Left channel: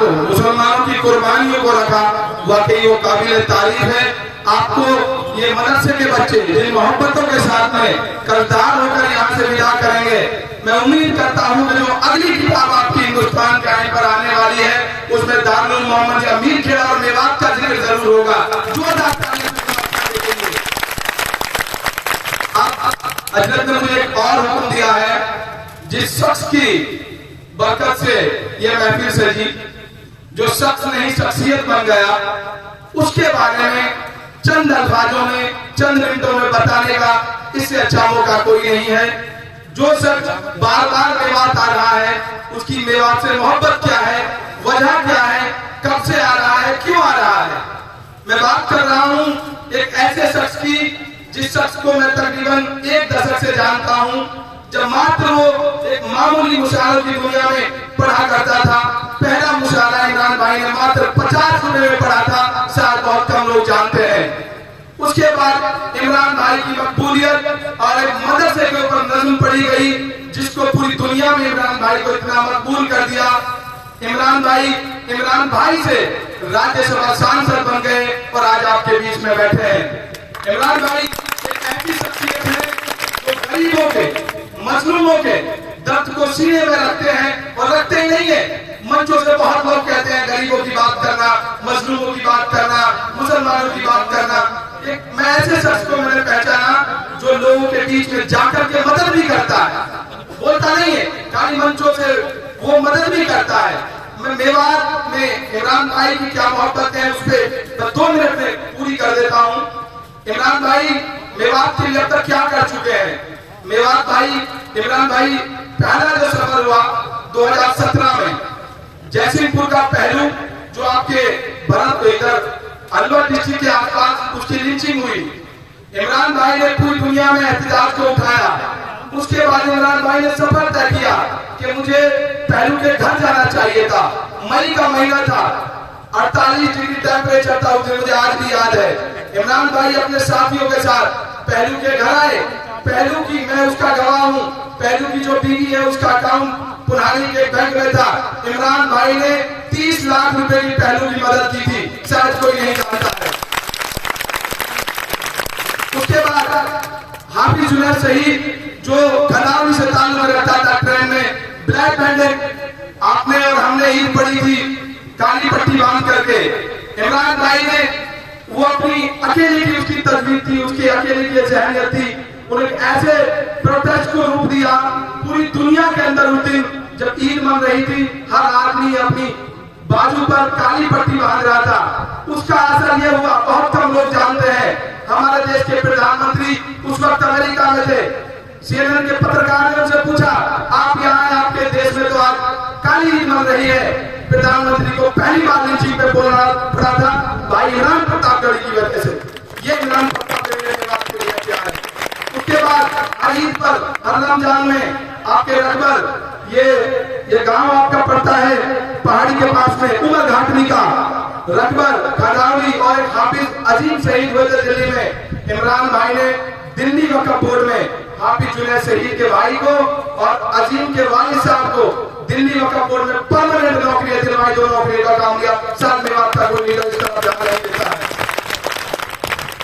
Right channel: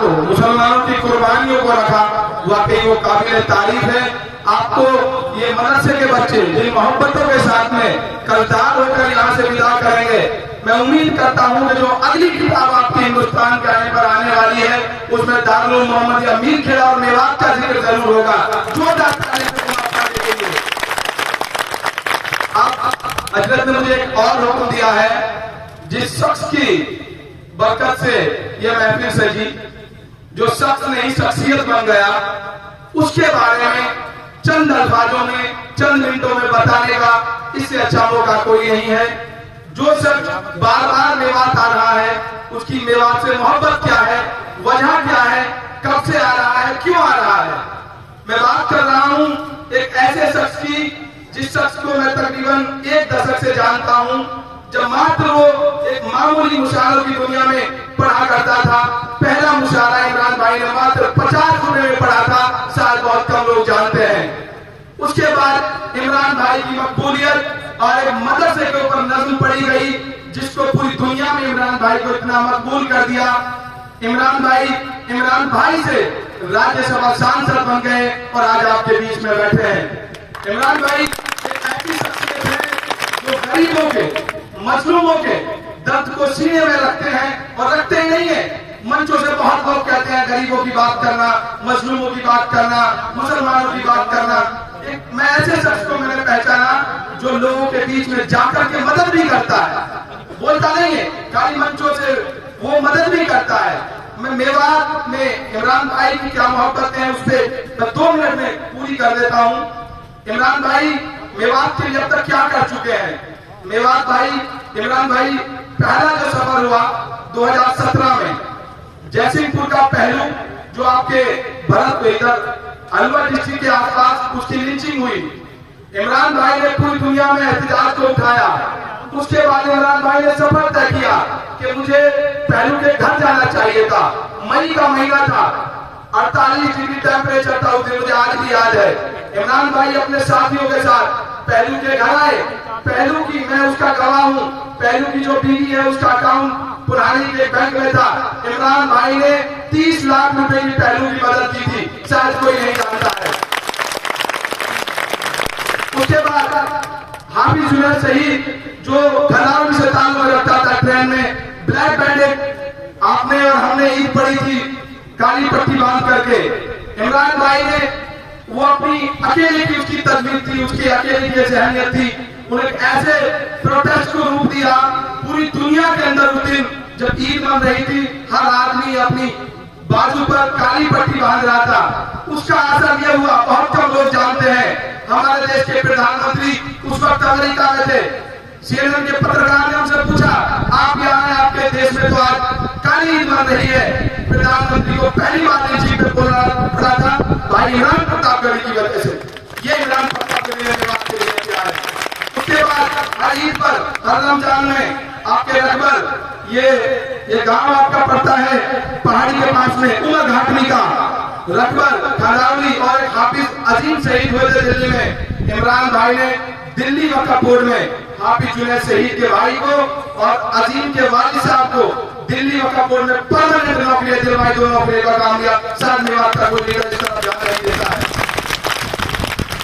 को, मुसलमानों की कुर्बानियों को रखा, वाकई वो काबिल तारीफ है। आपको ये मदरसे के बच्चे जिन मोहब्बतों के साथ में कर्जदार होकर यहाँ से विदा करेंगे, मैं उम्मीद करता हूँ कि जो अगली किताब आपकी हिंदुस्तान के आने पर आने वाली है उसमें दारुल मोहम्मद अमीर खेड़ा और मेवात का जिक्र जरूर होगा। हजरत ने मुझे एक और हुक्म दिया है, जिस शख्स की बरकत से यह महफिल से जी जो शख्स नई शख्सियत बन गया, उसके बारे में चंद अल्फाजों में चंद मिनटों में बताने का इससे अच्छा मौका कोई नहीं है। जो शख्स बार बार मेवात आ रहा है, उसकी मेवात से मोहब्बत क्या है, वजह क्या है, कब से आ रहा है, क्यों आ रहा है। मैं बात कर रहा हूं एक ऐसे शख्स की जिस शख्स को मैं तकरीबन एक दशक से जानता हूं। जब मात्र वो एक मामूली मुशायरों की दुनिया में पढ़ा करता था, पहला मुशायरा इमरान भाई ने मात्र 50 रुपए में पढ़ा था, शायद बहुत कम लोग जानते हैं। उसके बाद इमरान भाई की मकबूलियत और एक मदरसे के ऊपर नज़्म पढ़ी गई, जिसको पूरी दुनिया में इमरान भाई को इतना मकबूल कर दिया। इमरान भाई से राज्यसभा सांसद बन गए और आज आपके बीच में बैठे हैं। इमरान भाई एक ऐसी शख्सियत है जो गरीबों के, मजलूमों के दर्द को सीने में रखते हैं और रखते नहीं है। मंचों से बहुत लोग कहते हैं गरीबों की बात करना, मजलूमों की बात करना, मुसलमानों की बात करना। एक मैं ऐसे शख्स को मैंने पहचाना जो लोगों के बीच में जाकर के मदद भी करता है, बोलता नहीं है, खाली मंचों से वो मदद भी करता है। मैं मेवात में इमरान भाई की क्या मोहब्बत है उस पर 2 मिनट में पूरी कर देता हूँ। इमरान भाई मेवात के लिए अब तक क्या कर चुके हैं। मेवात भाई, इमरान भाई पहला जो सफर हुआ 2017 में जयसिंहपुर का पहलू जो आपके भरत इधर अलवर डिस्ट्रिक्ट के आसपास उसकी लिंचिंग हुई, इमरान भाई ने पूरी दुनिया में एहतजाज को उठाया। उसके बाद इमरान भाई ने सफर तय किया कि मुझे पहलू के घर जाना चाहिए था। मई का महीना था, 48 डिग्री टेम्परेचर था उस दिन, मुझे आज भी याद है। इमरान भाई अपने साथियों के साथ पहलू के घर आए। पहलू की, मैं उसका गवाह हूँ, पहलू की जो बीवी है उसका अकाउंट पुरानी के बैंक में था। इमरान भाई ने 30 लाख रुपए की पहलू की मदद की थी, शायद कोई नहीं जानता है। उसके बाद हाफिज जुनैद शहीद जो खदान से ताल्लुक रखता था, ट्रेन में ब्लैक बैंडेड आपने और हमने ईद पड़ी थी काली पट्टी बांध करके। इमरान भाई ने वो अपनी अकेले की उसकी तस्वीर थी, उसकी अकेले की जहनियत थी, उन्हें ऐसे प्रोटेस्ट को रूप दिया पूरी दुनिया के अंदर। उस दिन जब ईद मन रही थी, हर आदमी अपनी बाजू पर काली पट्टी बांध रहा था। उसका असर यह हुआ, बहुत कम लोग जानते हैं, हमारे देश के प्रधानमंत्री उस वक्त अमेरिका में थे। CNN के पत्रकार ने उनसे पूछा, आप यहाँ आए, आपके देश में तो आज काली ईद मन रही है। प्रधानमंत्री को पहली बार इस चीज पे बोलना पड़ा था, भाई इमरान प्रतापगढ़ी की वजह से। ये इमरान प्रतापगढ़ी ने बात के लिए किया है। उसके बाद ईद पर हर रमजान में आपके रकबर ये गांव आपका पड़ता है पहाड़ी के पास में, उमर घाटनी का रकबर खंडावली और हाफिज अजीम शहीद हुए थे दिल्ली में। इमरान भाई ने दिल्ली मक्कापुर में हाफिज जुनैद शहीद के भाई को और अजीम के वालिद साहब को दिल्ली मक्कापुर में परमानेंट नौकरी दिलवाई, 2 नौकरी का काम किया। साल में आपका कोई लीडर इस तरह ध्यान नहीं देता है।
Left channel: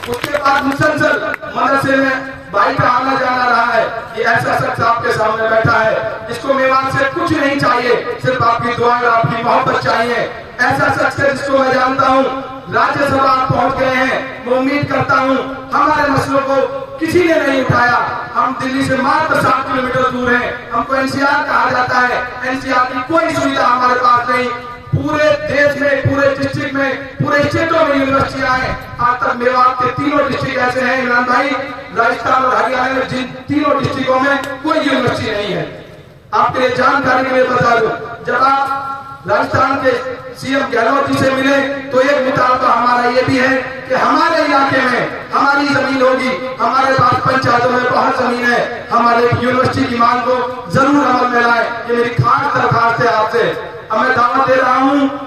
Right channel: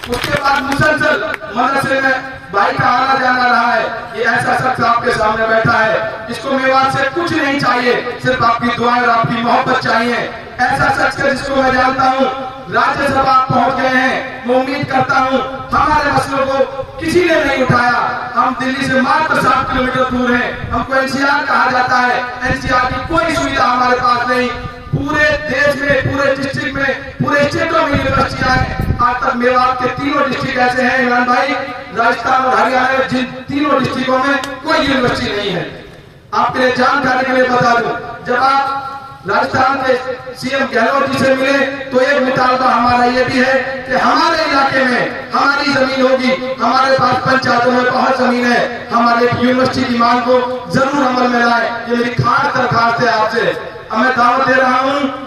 उसके बाद मुसलसल मदरसे में भाई का आना जाना रहा है। ये ऐसा शख्स आपके सामने बैठा है, जिसको मेवात से कुछ नहीं चाहिए, सिर्फ आपकी दुआएं और आपकी मोहब्बत चाहिए। ऐसा शख्स है जिसको मैं जानता हूँ, राज्यसभा पहुंच गए हैं। मैं उम्मीद करता हूँ हमारे मसलों को किसी ने नहीं उठाया। हम दिल्ली से मात्र 7 किलोमीटर दूर हैं, हमको NCR कहा जाता है। NCR की कोई सुविधा हमारे पास नहीं। पूरे देश में, पूरे डिस्ट्रिक्ट में, पूरे स्टेटों में यूनिवर्सिटियां हैं। आज तक मेवात के 3 डिस्ट्रिक्ट ऐसे हैं इमरान भाई, राजस्थान और हरियाणा में, जिन 3 डिस्ट्रिक्टों में कोई यूनिवर्सिटी नहीं है। आपके लिए जानकारी में बता दूं, जब आप राजस्थान के CM गहलोत जी से मिले तो एक मुतालबा हमारा ये भी है कि हमारे इलाके में हमारी जमीन होगी, हमारे पास पंचायतों में बहुत जमीन है, हमारी यूनिवर्सिटी की मांग को जरूर अमल में लाए। ये मेरी खास दरखास्त है आपसे। अब मैं दावा दे रहा हूँ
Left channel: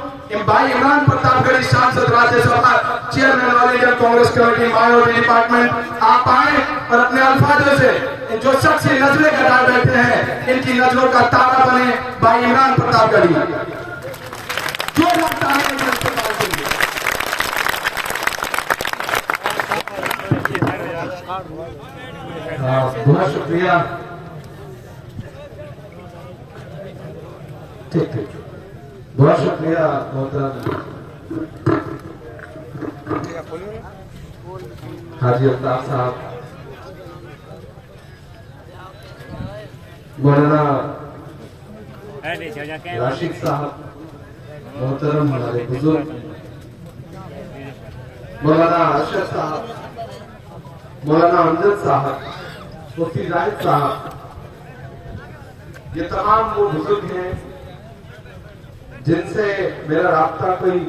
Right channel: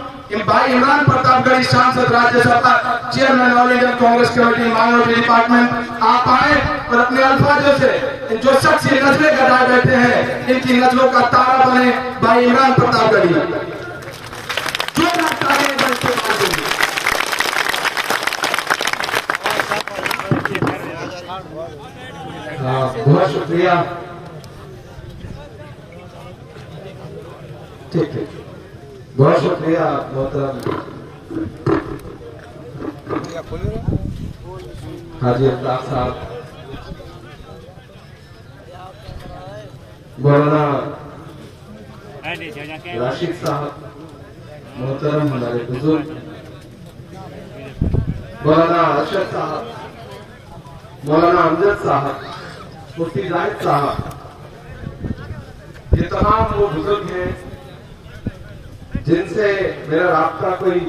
भाई इमरान प्रतापगढ़ी सांसद, Rajya Sabha chairman all India Congress committee minority department, आप आए और अपने अल्फाजों से जो शख्स नजरें कटा बैठे हैं, इनकी नजरों का तारा बने भाई इमरान प्रतापगढ़ी। जो लगता है जनता देंगे। बहुत शुक्रिया। ठीक ठीक, बहुत शुक्रिया मोहतरम हाजी अल्ताफ साहब, मौलाना राशिद साहब, मोहतरम हमारे बुजुर्ग मौलाना अरशद साहब, मौलाना अमजद साहब, मुफ्ती जाहिद साहब, ये तमाम वो बुजुर्ग हैं जिनसे मेरा राब्ता कोई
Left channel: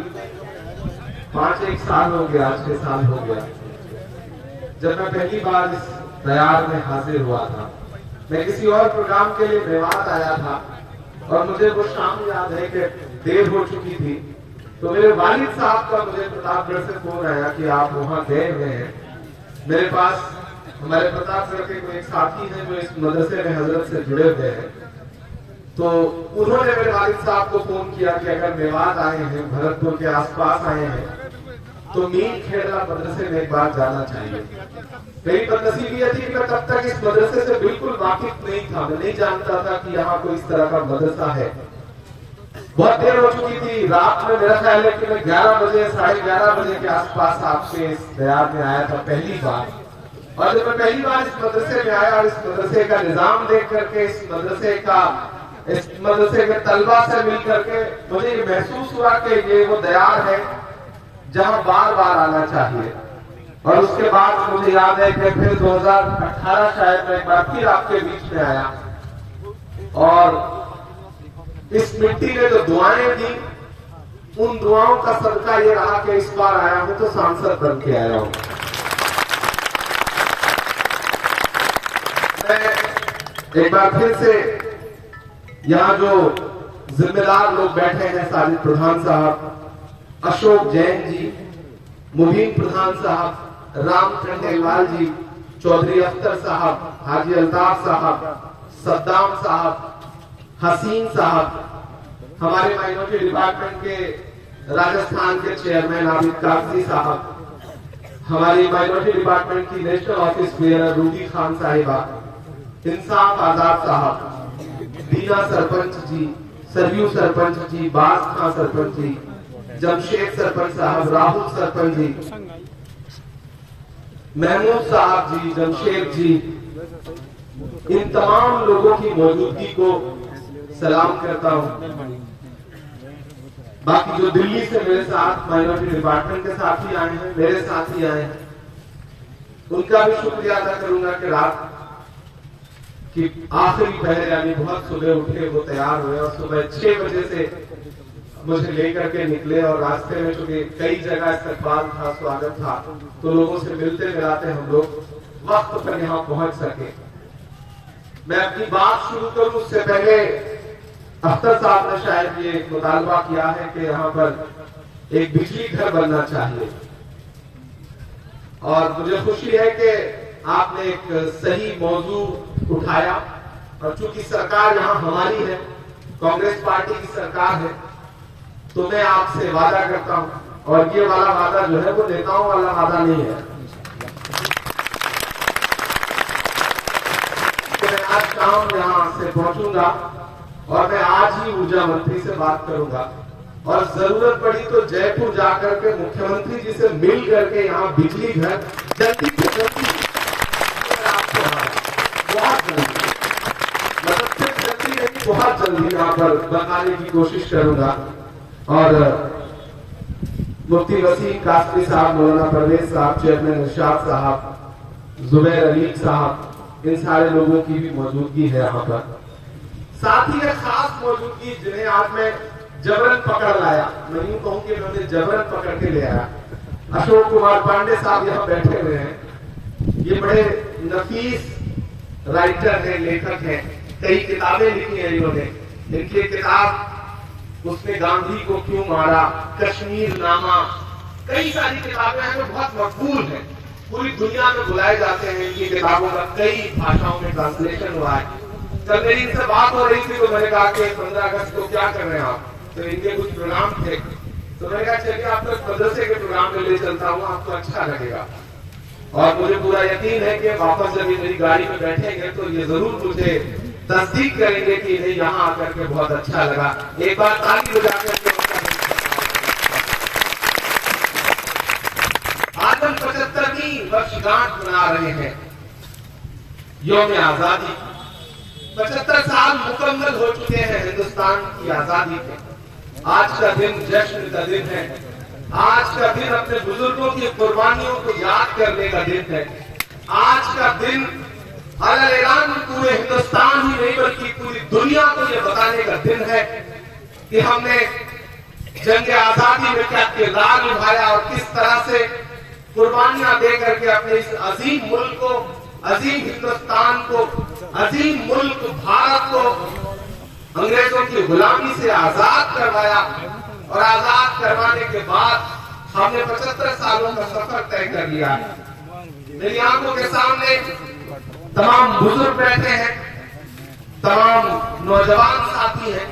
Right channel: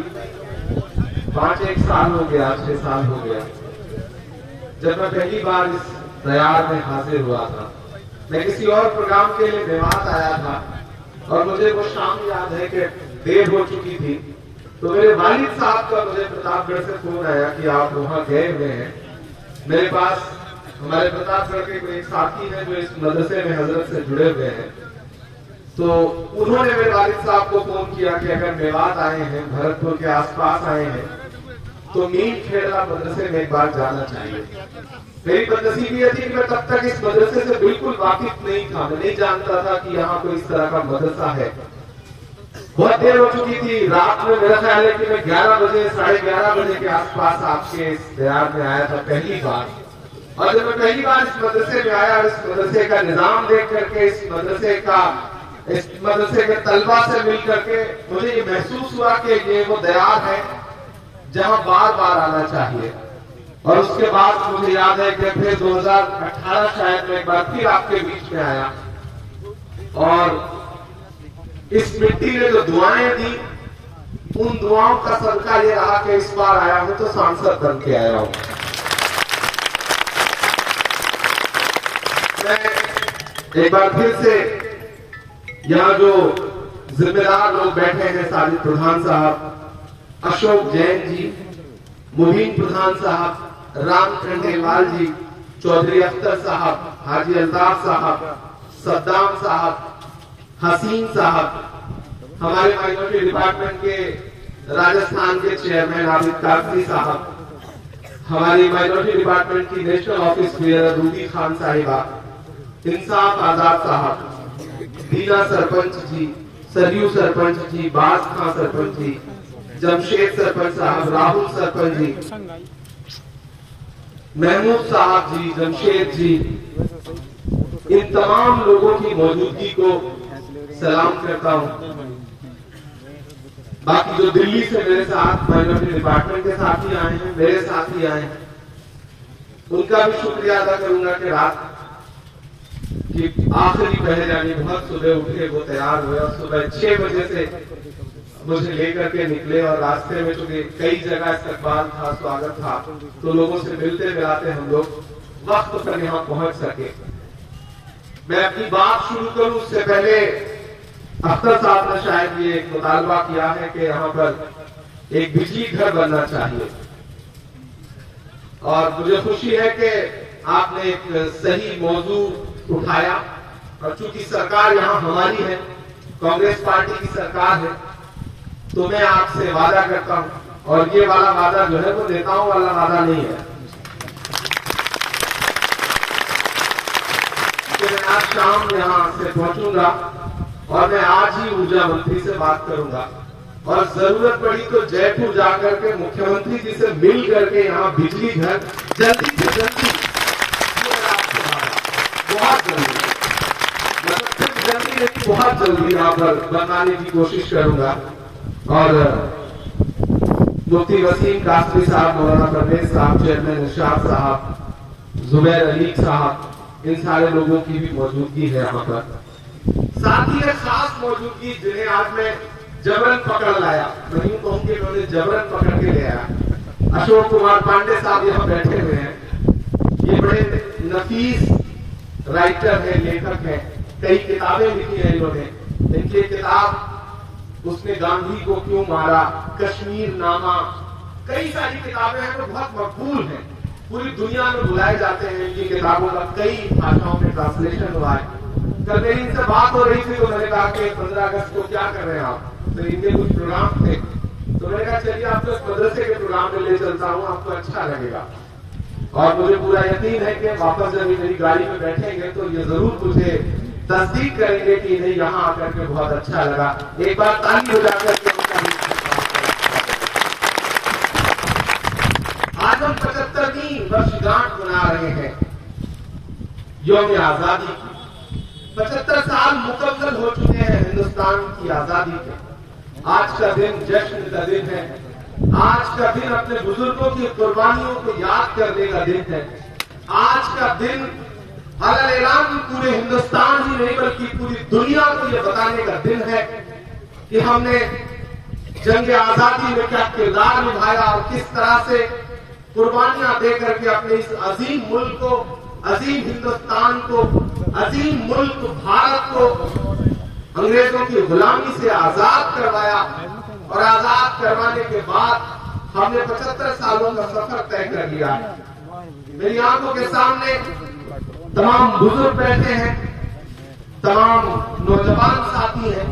5-1 साल हो गया, 6 साल हो गया। जब मैं पहली बार इस दयार में हाजिर हुआ था, मैं किसी और प्रोग्राम के लिए मेवात आया था और मुझे वो शाम याद है कि देर हो चुकी थी, तो मेरे वालिद साहब का मुझे प्रतापगढ़ से फोन आया कि आप वहां गए हुए हैं। मेरे पास हमारे प्रतापगढ़ के कोई साथी हैं जो इस मदरसे में हजरत से जुड़े हुए हैं, तो उन्होंने मेरे वालिद साहब को फोन किया कि अगर मेवात आए हैं, भरतपुर के आसपास आए हैं, तो मीर खेड़ा मदरसे में एक बार जाना चाहिए। मेरी बदनसीबी ये थी कि मैं तब तक इस मदरसे से बिल्कुल वाकिफ नहीं था, मैं नहीं जानता था कि यहाँ कोई इस तरह का मदरसा है। बहुत देर हो चुकी थी, रात में मेरा ख्याल है कि मैं 11 बजे 11:30 बजे के आसपास आपके इस दयार में आया था पहली बार। और जब मैं पहली बार इस मदरसे में आया और इस मदरसे का निजाम देख करके, इस मदरसे के तलबा से मिल करके मुझे ये महसूस हुआ कि ये वो दयार है जहां बार बार आना चाहिए। और उसके बाद मुझे याद है कि फिर 2018 शायद मैं एक बार फिर आपके बीच में आया और इस मिट्टी में जो दुआएं दी, उन दुआओं का सदका ये रहा कि इस बार आया हूं तो सांसद बन के आया हूं। मैं एक बार फिर से यहाँ जो जिम्मेदार लोग बैठे हैं, साजिद प्रधान साहब, अशोक जैन जी, मुबीन प्रधान साहब, राम खंडेलवाल जी, चौधरी अख्तर साहब, हाजी अल्ताफ साहब, सद्दाम साहब, हसीन साहब, हमारे माइनॉरिटी डिपार्टमेंट के राजस्थान के चेयरमैन आबिद काकरी साहब, हमारी माइनॉरिटी डिपार्टमेंट की national office clear Ruby Khan साहिबा, इंसाफ आजाद साहब, दीना सरपंच जी, सरयू सरपंच जी, बाज खां सरपंच जी, जमशेद सरपंच साहब, राहुल सरपंच जी, महमूद साहब जी, जमशेद जी, इन तमाम लोगों की मौजूदगी को सलाम करता हूं। बाकी जो दिल्ली से मेरे साथ माइनॉरिटी डिपार्टमेंट के साथी आए हैं, मेरे साथी आए हैं, उनका भी शुक्रिया अदा करूंगा कि रात की आखिरी पहर यानी बहुत सुबह उठे, वो तैयार हुए और सुबह 6 बजे से मुझे लेकर के निकले और रास्ते में चूंकि कई जगह इस्तकबाल था, स्वागत था, तो लोगों से मिलते मिलाते हम लोग वक्त पर यहाँ पहुंच सके। मैं अपनी बात शुरू करूं उससे पहले अख्तर साहब ने शायद ये एक मुतालबा किया है कि यहाँ पर एक बिजली घर बनना चाहिए और मुझे खुशी है कि आपने एक सही मौजू उठाया और चूंकि सरकार यहाँ हमारी है, कांग्रेस पार्टी की सरकार है, तो मैं आपसे वादा करता हूं और ये वाला वादा जो है वो नेताओं वाला वादा नहीं है कि मैं आज शाम यहाँ से पहुंचूंगा और मैं आज ही ऊर्जा मंत्री से बात करूंगा और जरूरत पड़ी तो जयपुर जाकर के मुख्यमंत्री जी से मिल करके यहाँ बिजली घर जल्दी से जल्दी, बहुत जल्दी, मतलब सिर्फ जल्दी नहीं, बहुत जल्दी यहाँ पर बनाने की कोशिश करूंगा। और मुफ्ती वसीम कासमी साहब, मौलाना परवेज साहब, चेयरमैन इरशाद साहब, जुबैर अली साहब, इन सारे लोगों की भी मौजूदगी है यहाँ पर। साथ ही एक खास मौजूदगी जिन्हें आज मैं जबरन पकड़ लाया, मैं यूं कहूं कि मैंने जबरन पकड़ के ले आया, अशोक कुमार पांडे साहब यहाँ बैठे हुए हैं। ये बड़े नफीस राइटर है, लेखक है, कई किताबें लिखी है इन्होंने। इनकी किताब उसने गांधी को क्यों मारा, कश्मीर नामा, कई सारी किताबें हैं जो बहुत मकबूल हैं, पूरी दुनिया में बुलाए जाते हैं। इनकी किताबों का कई भाषाओं में ट्रांसलेशन हुआ है। कल मेरी इनसे बात हो रही थी तो मैंने कहा कि 15 अगस्त को क्या कर रहे हैं आप, तो इनके कुछ प्रोग्राम थे, तो मैंने कहा चलिए आपको मदरसे के प्रोग्राम में ले चलता हूँ, आपको अच्छा लगेगा। और मुझे पूरा यकीन है कि वापस जब ये मेरी गाड़ी में बैठेंगे तो ये जरूर मुझे तस्दीक करेंगे कि इन्हें यहाँ आकर के बहुत अच्छा लगा। एक बार ताली हो जाकर के आज हम 75वीं वर्षगांठ मना रहे हैं यौम आजादी। 75 साल मुकम्मल हो चुके हैं हिंदुस्तान की आजादी के। आज का दिन जश्न का दिन है। आज का दिन अपने बुजुर्गों की कुर्बानियों को याद करने का दिन है। आज का दिन ऐलान पूरे हिंदुस्तान ही नहीं बल्कि पूरी दुनिया को यह बताने का दिन है कि हमने जंग आजादी में क्या किरदार निभाया और किस तरह से कुर्बानियां दे करके अपने इस अजीम मुल्क को, अजीम हिंदुस्तान को, अजीम मुल्क भारत को अंग्रेजों की गुलामी से आजाद करवाया। और आजाद करवाने के बाद हमने 75 सालों का सफर तय कर लिया। मेरी आंखों के सामने तमाम बुजुर्ग बैठे हैं, तमाम नौजवान साथी हैं,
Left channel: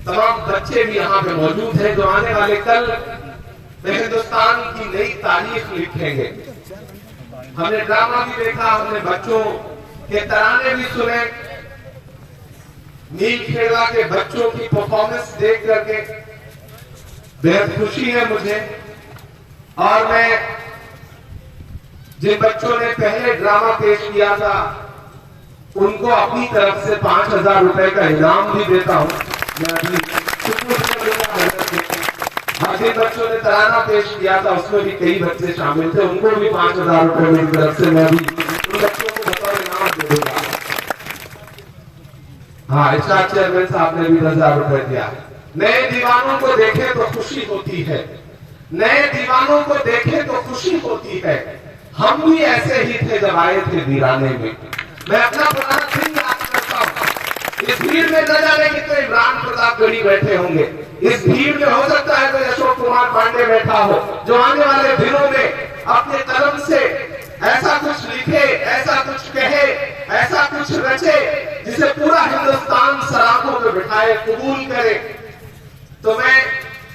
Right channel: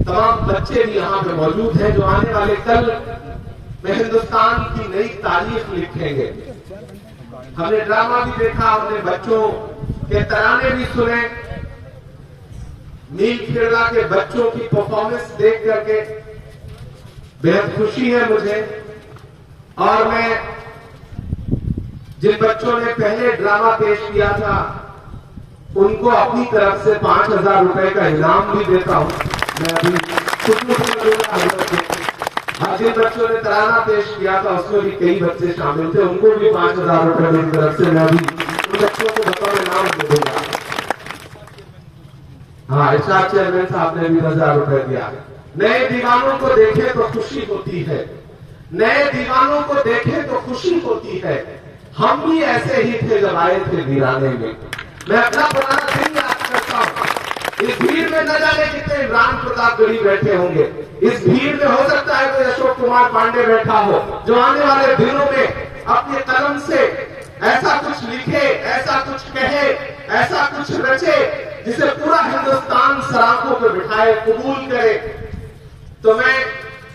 तमाम बच्चे भी यहाँ पे मौजूद हैं जो आने वाले कल में हिंदुस्तान की नई तारीख लिखेंगे। हमने ड्रामा भी देखा, हमने बच्चों के तराने भी सुने। नील खेड़ा के बच्चों की परफॉर्मेंस देख करके बेहद खुशी है मुझे। और मैं जिन बच्चों ने पहले ड्रामा पेश किया था उनको अपनी तरफ से 5000 रुपए का इनाम भी देता हूं। मैं अभी जिन बच्चों ने तराना पेश किया था उसमें भी कई बच्चे शामिल थे, उनको भी 5000 रुपए मेरी तरफ से मैं भी उन बच्चों को बतौर इनाम दे दूंगा। हाँ, इरशाद चेयरमैन साहब ने भी 10,000 रुपए दिया। नए दीवानों को देखे तो खुशी होती है, नए दीवानों को देखे तो खुशी होती है। हम भी ऐसे ही थे जब आए थे वीराने में। मैं अपना पुराना दिन याद करता हूँ। इस भीड़ में न जाने कितने इमरान प्रतापगढ़ी बैठे होंगे। इस भीड़ में हो सकता है कोई अशोक कुमार पांडे बैठा हो जो आने वाले दिनों में अपने कलम से ऐसा कुछ लिखे, ऐसा कुछ कहे, ऐसा कुछ रचे जिसे पूरा हिंदुस्तान सराखों पे बिठाए, कबूल करे। तो मैं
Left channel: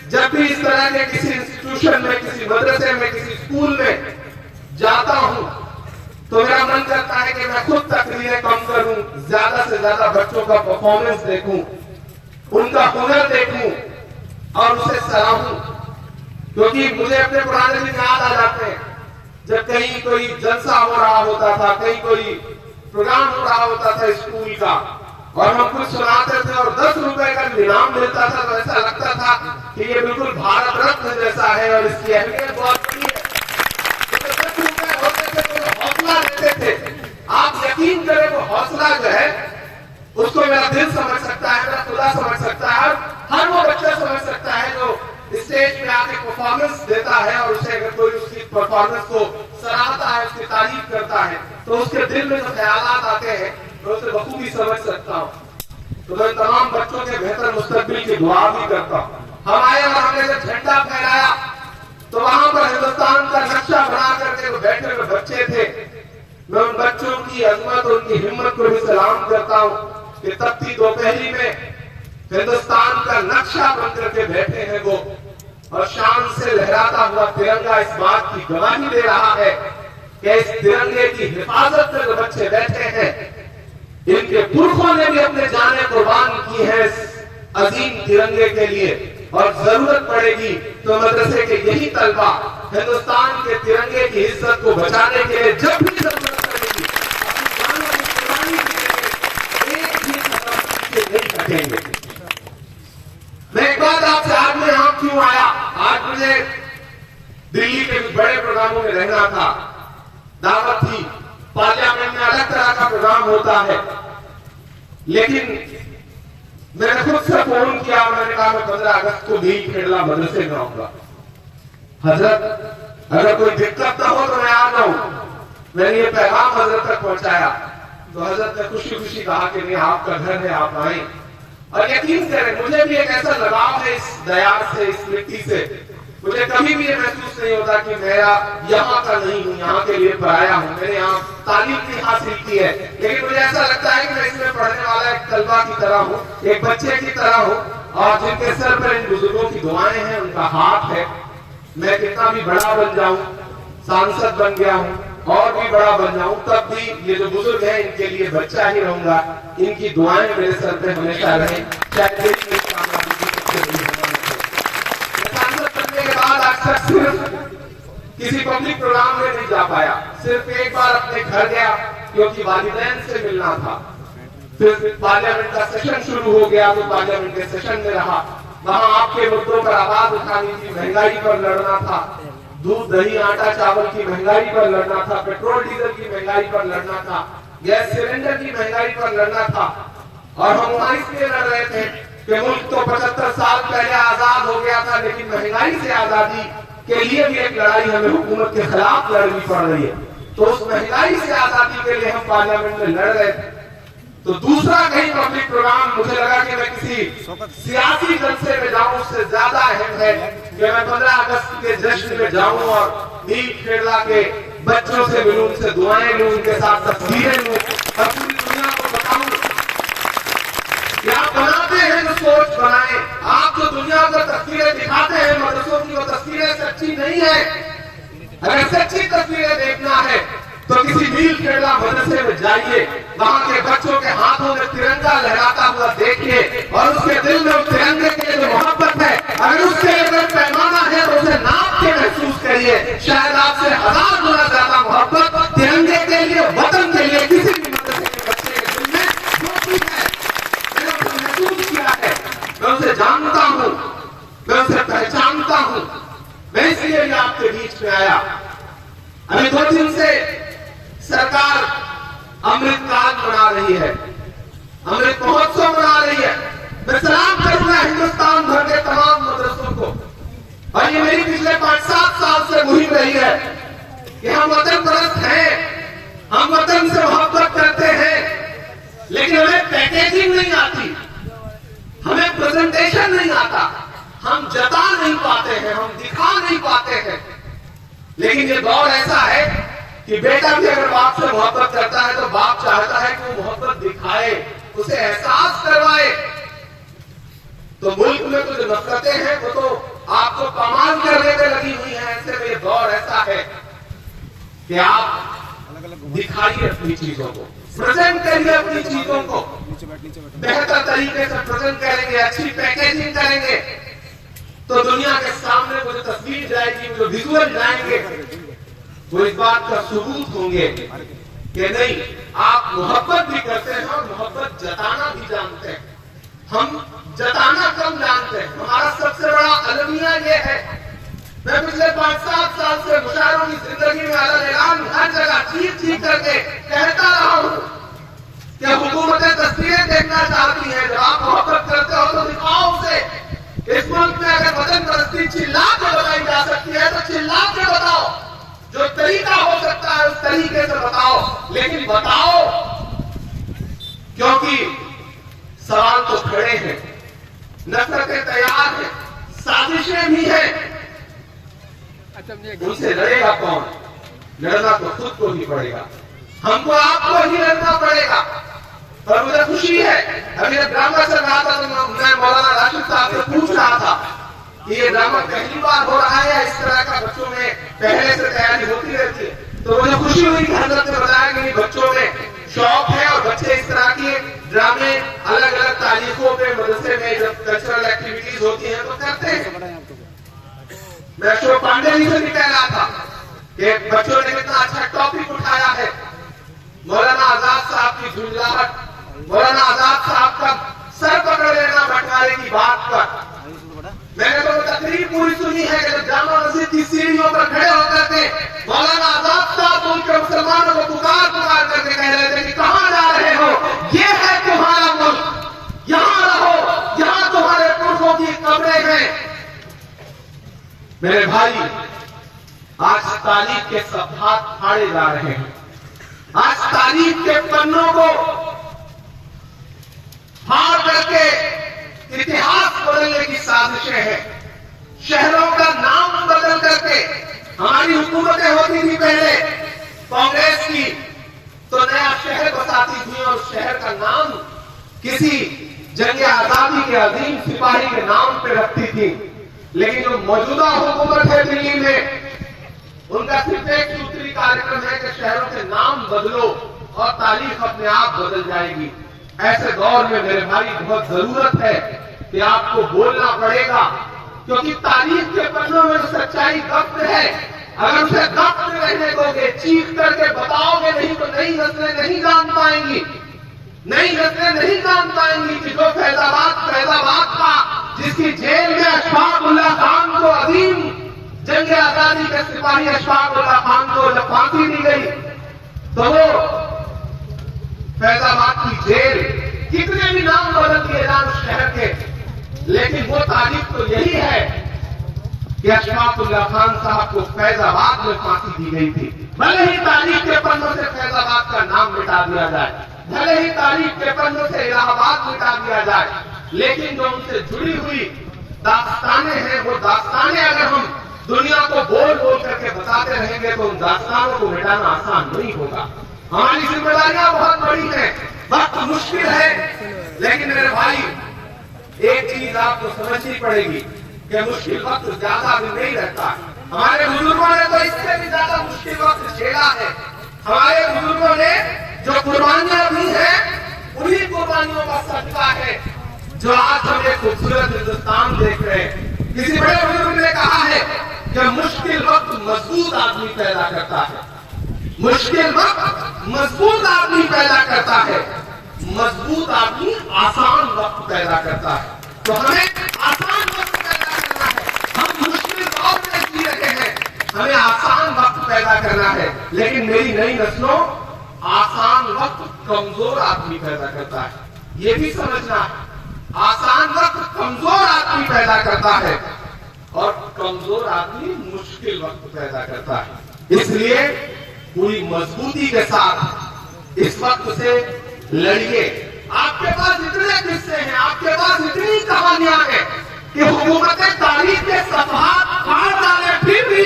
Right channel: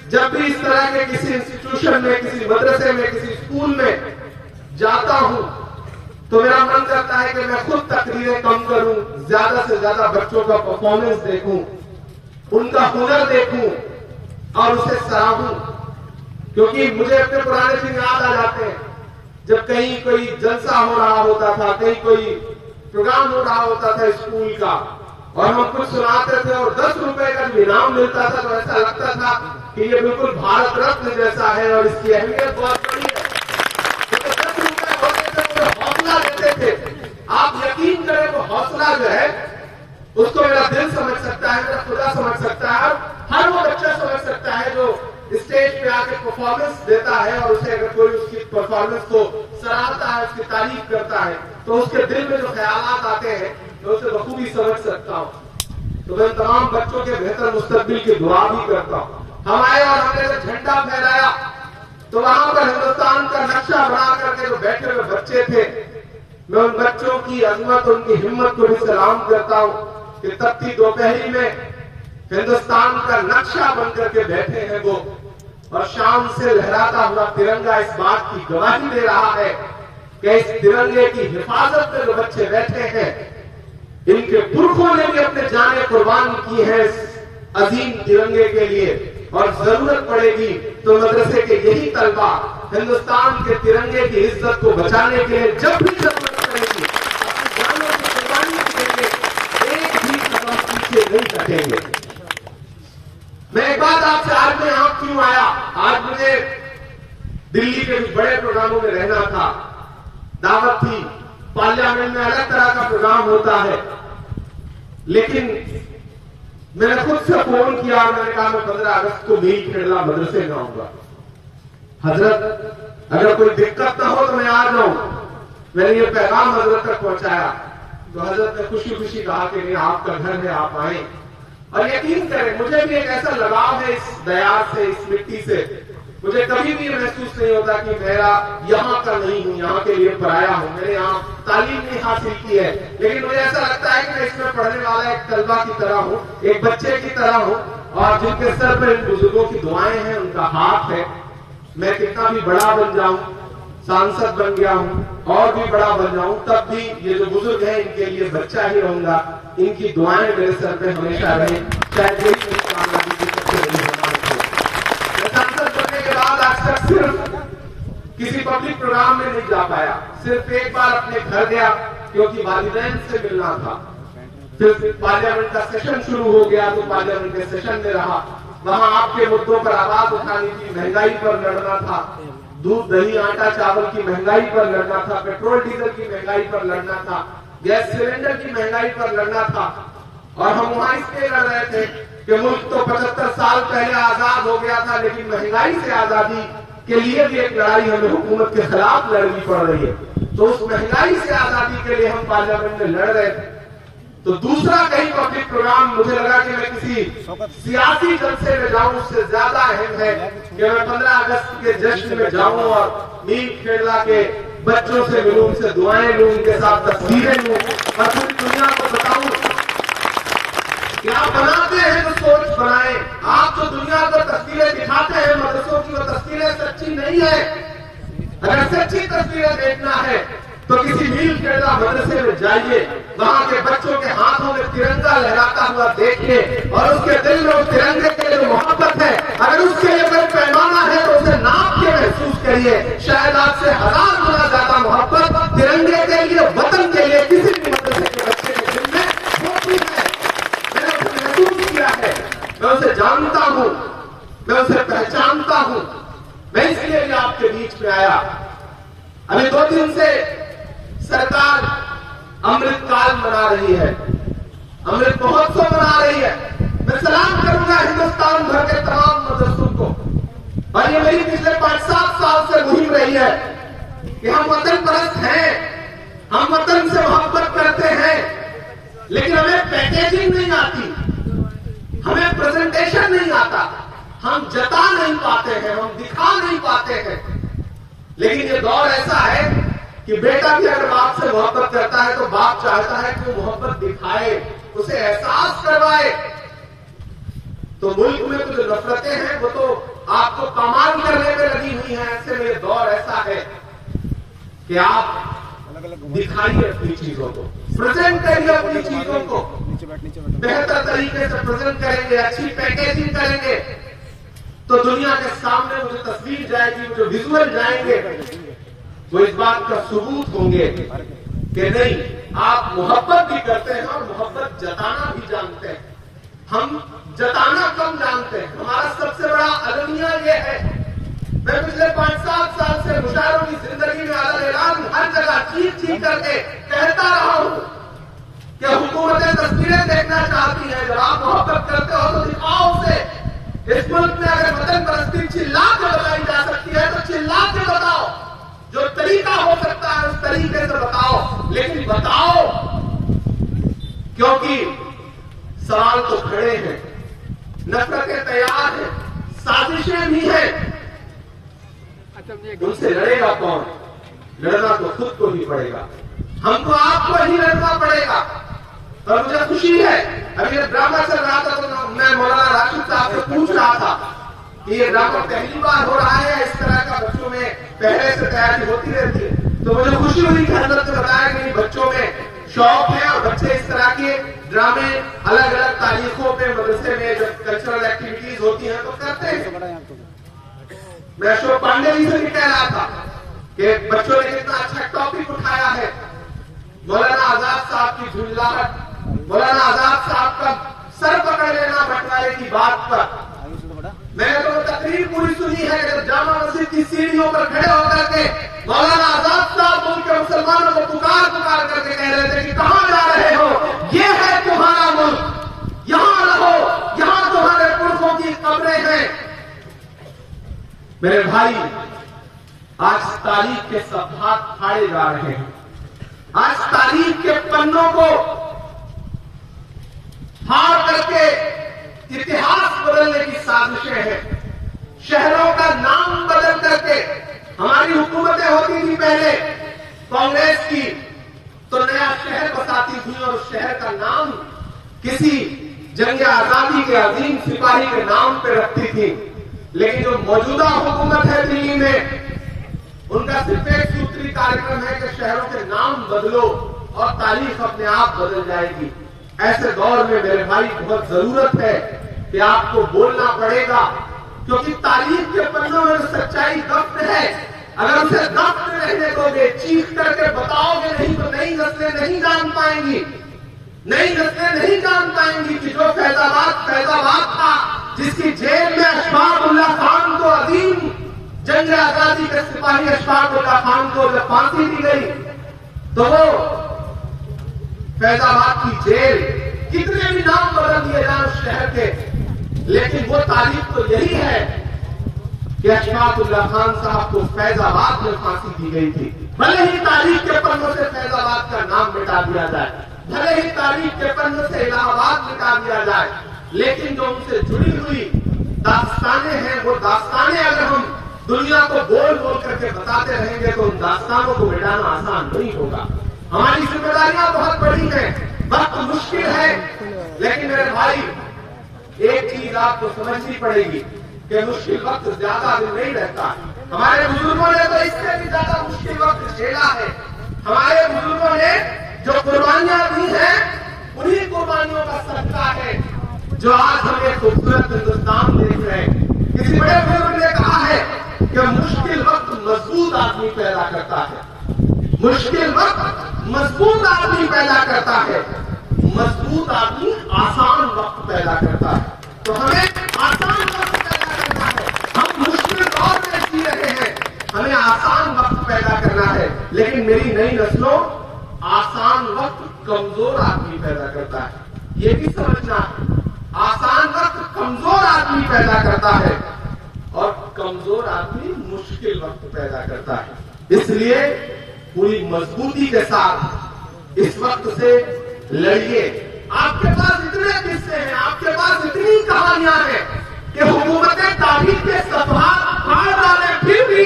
जब भी इस तरह के किसी इंस्टीट्यूशन में, किसी मदरसे में, किसी स्कूल में जाता हूं तो मेरा मन करता है कि मैं खुद तकरीरें कम करूं, ज्यादा से ज्यादा बच्चों का परफॉर्मेंस देखूं, उनका हुनर देखूं और उसे सराहूं। क्योंकि मुझे अपने पुराने दिन याद आ जाते हैं जब कहीं कोई जलसा हो रहा होता था, कहीं कोई प्रोग्राम हो रहा होता था स्कूल का और हम कुछ सुनाते थे और 10 रुपए का इनाम मिलता था तो ऐसा लगता था कि ये बिल्कुल भारत रत्न जैसा है और इसकी अहमियत बहुत बड़ी है। हौसला देते थे। आप यकीन करें वो हौसला जो है उसको मेरा दिल समझ सकता है, मेरा खुदा समझ सकता है, हर वो बच्चा समझ सकता है जो स्टेज पे आके परफॉर्मेंस देता है और उसे अगर कोई उसकी परफॉर्मेंस को सराहता है, उसकी तारीफ करता है तो उसके दिल में जो ख्यालात आते हैं तो उसे बखूबी समझ सकता हूँ। तो मैं तमाम बच्चों के बेहतर मुस्तकबिल की दुआ भी करता हूँ। हम आए और हमने जब झंडा फहराया तो वहां पर हिंदुस्तान का नक्शा बना करके जो बैठे हुए बच्चे थे, मैं उन बच्चों की अजमत, उनकी हिम्मत को भी सलाम करता हूँ कि तपती दोपहरी में हिंदुस्तान का नक्शा बन करके बैठे हैं वो और शान से लहराता हुआ तिरंगा इस बात की गवाही दे रहा है कि इस तिरंगे की हिफाजत में जो बच्चे बैठे हैं इनके पुरखों ने भी अपने जाने कुर्बान की है इस अजीम तिरंगे के लिए। और जरूरत पड़ेगी तो मदरसे के यही तलबा हिंदुस्तान के तिरंगे की इज्जत को बचाने के लिए जब भी जरूरत पड़ेगी अपनी जानों की कुर्बानी देंगे, एक भी कदम पीछे नहीं हटेंगे। मैं एक बात आपसे, आज मैं यहां क्यों आया? आज मुझे दिल्ली के बड़े प्रोग्रामों में रहना था, दावत थी, पार्लियामेंट में अलग तरह का प्रोग्राम होता है, लेकिन मैंने खुद से फोन किया, मैंने कहा मैं 15 अगस्त को नील खेड़ा मदरसे में आऊंगा। हजरत अगर कोई दिक्कत ना हो तो मैं आ जाऊं। मैंने ये पैगाम हजरत तक पहुंचाया तो हजरत ने खुशी खुशी कहा कि नहीं, आपका घर है, आप आए। और यकीन करें मुझे भी एक ऐसा लगाव है इस दयार से, इस मिट्टी से। मुझे कभी भी ये महसूस नहीं होता कि मेरा यहाँ का नहीं हूँ, यहाँ के लिए पराया हूँ, मैंने यहाँ तालीम नहीं हासिल की है, लेकिन मुझे ऐसा लगता है कि मैं इसमें पढ़ने वाला एक तलबा की तरह हूँ, एक बच्चे की तरह हूँ और जिनके सर पर इन बुजुर्गों की दुआएं हैं, उनका हाथ है। मैं कितना भी बड़ा बन जाऊं, सांसद बन गया हूं और भी बड़ा बन जाऊं, तब भी ये जो बुजुर्ग हैं इनके लिए बच्चा ही रहूंगा। इनकी दुआएं मेरे सर पे हमेशा रहें, चाहे यही मेरी कामयाबी की सबसे बड़ी होना। सांसद बनने के बाद अक्सर सिर्फ किसी पब्लिक प्रोग्राम में नहीं जा पाया, सिर्फ एक बार अपने घर गया क्योंकि वालिदैन से मिलना था। फिर पार्लियामेंट का सेशन शुरू हो गया तो पार्लियामेंट के सेशन में रहा, वहां आपके मुद्दों पर आवाज उठानी थी, महंगाई पर लड़ना था, दूध दही आटा चावल की महंगाई पर लड़ना था, पेट्रोल डीजल की महंगाई पर लड़ना था, गैस सिलेंडर की महंगाई पर लड़ना था। और हम वहां इसलिए लड़ रहे थे कि मुल्क तो 75 साल पहले आजाद हो गया था, लेकिन महंगाई से आजादी के लिए भी एक लड़ाई हमें हुकूमत के खिलाफ लड़नी पड़ रही है। तो उस महंगाई से आजादी के लिए हम पार्लियामेंट में लड़ रहे थे। तो दूसरा कहीं पब्लिक प्रोग्राम मुझे लगा कि मैं किसी सियासी जलसे में जाऊं, उससे ज्यादा अहम है कि मैं 15 अगस्त के जश्न में जाऊं और नील केरला के बच्चों से मिलूं, उनसे दुआएं लूं, उनके साथ तस्वीरें लूं और पूरी दुनिया को बताऊं कि आप बनाते हैं तो सोच बनाएं। आप जो दुनिया को तस्वीरें दिखाते हैं मदरसों की, वो तस्वीरें सच्ची नहीं है। अगर सच्ची तस्वीरें देखना है तो किसी नील केरला मदरसे में जाइए, वहां के बच्चों के हाथों में तिरंगा लहराता हुआ देखिए और उसके दिल में उस तिरंगे के लिए जो मोहब्बत है, अगर उसके लिए कोई पैमाना है तो उसे नाप के महसूस करिए। शायद आपसे 1000 गुना ज्यादा मोहब्बत तिरंगे के लिए, वतन के लिए किसी भी मदरसे के बच्चे के दिल में होती है। मैंने उसे महसूस किया है, मैं उसे जानता हूं, मैं उसे पहचानता हूं। मैं इसलिए भी आपके बीच में आया। अभी 2 दिन से सरकार अमृत काल मना रही है, अमृत महोत्सव मना रही है। मैं सलाम करूंगा हिंदुस्तान भर के तमाम मदरसों को, और ये मेरी पिछले 5-7 साल से मुहिम रही है कि हम वतन परस्त हैं, हम वतन से मोहब्बत करते हैं, लेकिन हमें पैकेजिंग नहीं आती, हमें प्रेजेंटेशन नहीं आता, हम जता नहीं पाते हैं, हम दिखा नहीं पाते हैं। लेकिन ये दौर ऐसा है कि बेटा भी अगर बाप से मोहब्बत करता है तो बाप चाहता है कि वो मोहब्बत दिखाए, उसे एहसास करवाए। तो मुल्क में तो जो नफरतें हैं वो तो आपको कमाल करने में लगी हुई हैं। ऐसे में ये दौर ऐसा है कि आप दिखाइए अपनी चीजों को, प्रेजेंट करिए अपनी चीजों को, बेहतर तरीके से प्रेजेंट करेंगे, अच्छी पैकेजिंग करेंगे तो दुनिया के सामने वो जो तस्वीर जाएगी, वो जो विजुअल जाएंगे, वो इस बात का सबूत होंगे कि नहीं, आप मोहब्बत भी करते हैं और मोहब्बत जताना भी जानते हैं। हम जताना कम जानते हैं, हमारा सबसे बड़ा अलमिया ये है। मैं पिछले 5-7 साल से मुशायरों की जिंदगी में अलग ऐलान हर जगह चीख करके कहता रहा हूं कि हुकूमतें तस्वीरें देखना चाहती हैं। जब आप मोहब्बत करते हो तो दिखाओ उसे। इस मुल्क में अगर वतन परस्ती चिल्ला के बताई जा सकती है तो चिल्ला के बताओ, जो तरीका हो सकता है उस तरीके से बताओ, लेकिन बताओ, क्योंकि सवाल तो खड़े हैं, नफरतें तैयार हैं, साजिशें भी हैं। उनसे लड़ेगा कौन? लड़ना तो खुद को ही पड़ेगा, हमको आपको ही लड़ना पड़ेगा। और मुझे खुशी है, अभी जब ड्रामा चल रहा था तो मैं मौलाना राशिद साहब से पूछ रहा था कि ये ड्रामा पहली बार हो रहा है, इस तरह का बच्चों में पहले से तैयारी होती रहती है। तो मुझे खुशी हुई कि हजरत ने बताया कि बच्चों में शौक है और बच्चे इस तरह के ड्रामे अलग अलग तारीखों पे मदरसे में जब कल्चरल एक्टिविटीज होती है तो करते हैं। मैं अशोक पांडे जी से भी कह रहा था कि बच्चों ने कितना अच्छा टॉपिक उठाया है। मौलाना आजाद साहब की झुंझलाहट, मौलाना आजाद साहब का सर पकड़ लेना बंटवारे की बात पर मैंने तो तकरीर पूरी सुनी है कि जामा मस्जिद की सीढ़ियों पर खड़े होकर के मौलाना आजाद साहब उनके मुसलमानों को पुकार करके कह रहे थे कि कहां जा रहे हो, ये है तुम्हारा मुल्क, यहां रहो, यहां तुम्हारे पुरखों की कब्रें हैं। मेरे भाई, आज तारीख के सफात फाड़े जा रहे हैं, आज तारीख के पन्नों को फाड़ करके इतिहास बदलने की साजिशें हैं। शहरों का नाम बदल करके, हमारी हुकूमतें होती थी पहले कांग्रेस की, तो नया शहर बसाती थी और शहर का नाम किसी जंग आजादी के अजीम सिपाही के नाम पे रखती थी, लेकिन जो मौजूदा हुकूमत है दिल्ली में, उनका सिर्फ एक सूत्री कार्यक्रम है कि शहरों के नाम बदलो और तारीख अपने आप बदल जाएगी। ऐसे दौर में मेरे भाई बहुत जरूरत है कि आपको बोलना पड़ेगा, क्योंकि तारीख के पन्नों में सच्चाई दफ्न है। अगर उसे दफ्न रहने दोगे, चीख करके बताओगे नहीं, तो नई नस्लें नहीं जान पाएंगी, नई नस्लें नहीं जान पाएंगी कि जो फैजाबाद था, जिसकी जेल में अशफाक उल्लाह खान को, अजीम जंग आजादी के सिपाही अशफाक उल्लाह खान को जब फांसी दी गई, तो वो फैजाबाद की जेल, कितने भी नाम बदल दिए जाए उस शहर के, लेकिन वो तारीख तो यही है कि अशफाक उल्लाह खान साहब को फैजाबाद में फांसी दी गई थी। भले ही तारीख के पन्नों से फैजाबाद का नाम मिटा दिया जाए, भले ही तारीख के पन्नों से इलाहाबाद मिटा दिया जाए, लेकिन जो उनसे जुड़ी हुई दास्तानें हैं, वो दास्तानें अगर हम दुनिया को बोल बोल करके बताते रहेंगे तो उन दास्तानों को मिटाना आसान नहीं होगा। हमारी जिम्मेदारियां बहुत बड़ी हैं, वक्त मुश्किल है, लेकिन मेरे भाई एक चीज आपको समझनी पड़ेगी कि मुश्किल वक्त ज्यादा दिन नहीं रहता। हमारे बुजुर्गों ने तो इससे भी ज्यादा मुश्किल वक्त झेला है। हमारे बुजुर्गों ने जो कुर्बानियां दी हैं, उन्हीं कुर्बानियों का सदका है जो आज हम एक खूबसूरत हिंदुस्तान देख रहे हैं। किसी बड़े बुजुर्ग ने कहा है कि मुश्किल वक्त मजबूत आदमी पैदा करता है, मुश्किल वक्त मजबूत आदमी पैदा करता है, मजबूत आदमी आसान वक्त पैदा करता है। तो हमें आसान वक्त पैदा करना है। हम मुश्किल दौर में जी रहे हैं, हमें आसान वक्त पैदा करना है। लेकिन मेरी नई नस्लों, आसान वक्त कमजोर आदमी पैदा करता है, ये भी समझना है। आसान वक्त कमजोर आदमी पैदा करता है और कमजोर आदमी मुश्किल वक्त पैदा करता है। इसलिए पूरी मजबूती के साथ इस वक्त से लड़िए। आपके पास इतने किस्से हैं, आपके पास इतनी कहानियां हैं कि हुकूमतें तारीख के सफात फाड़ डाले, फिर भी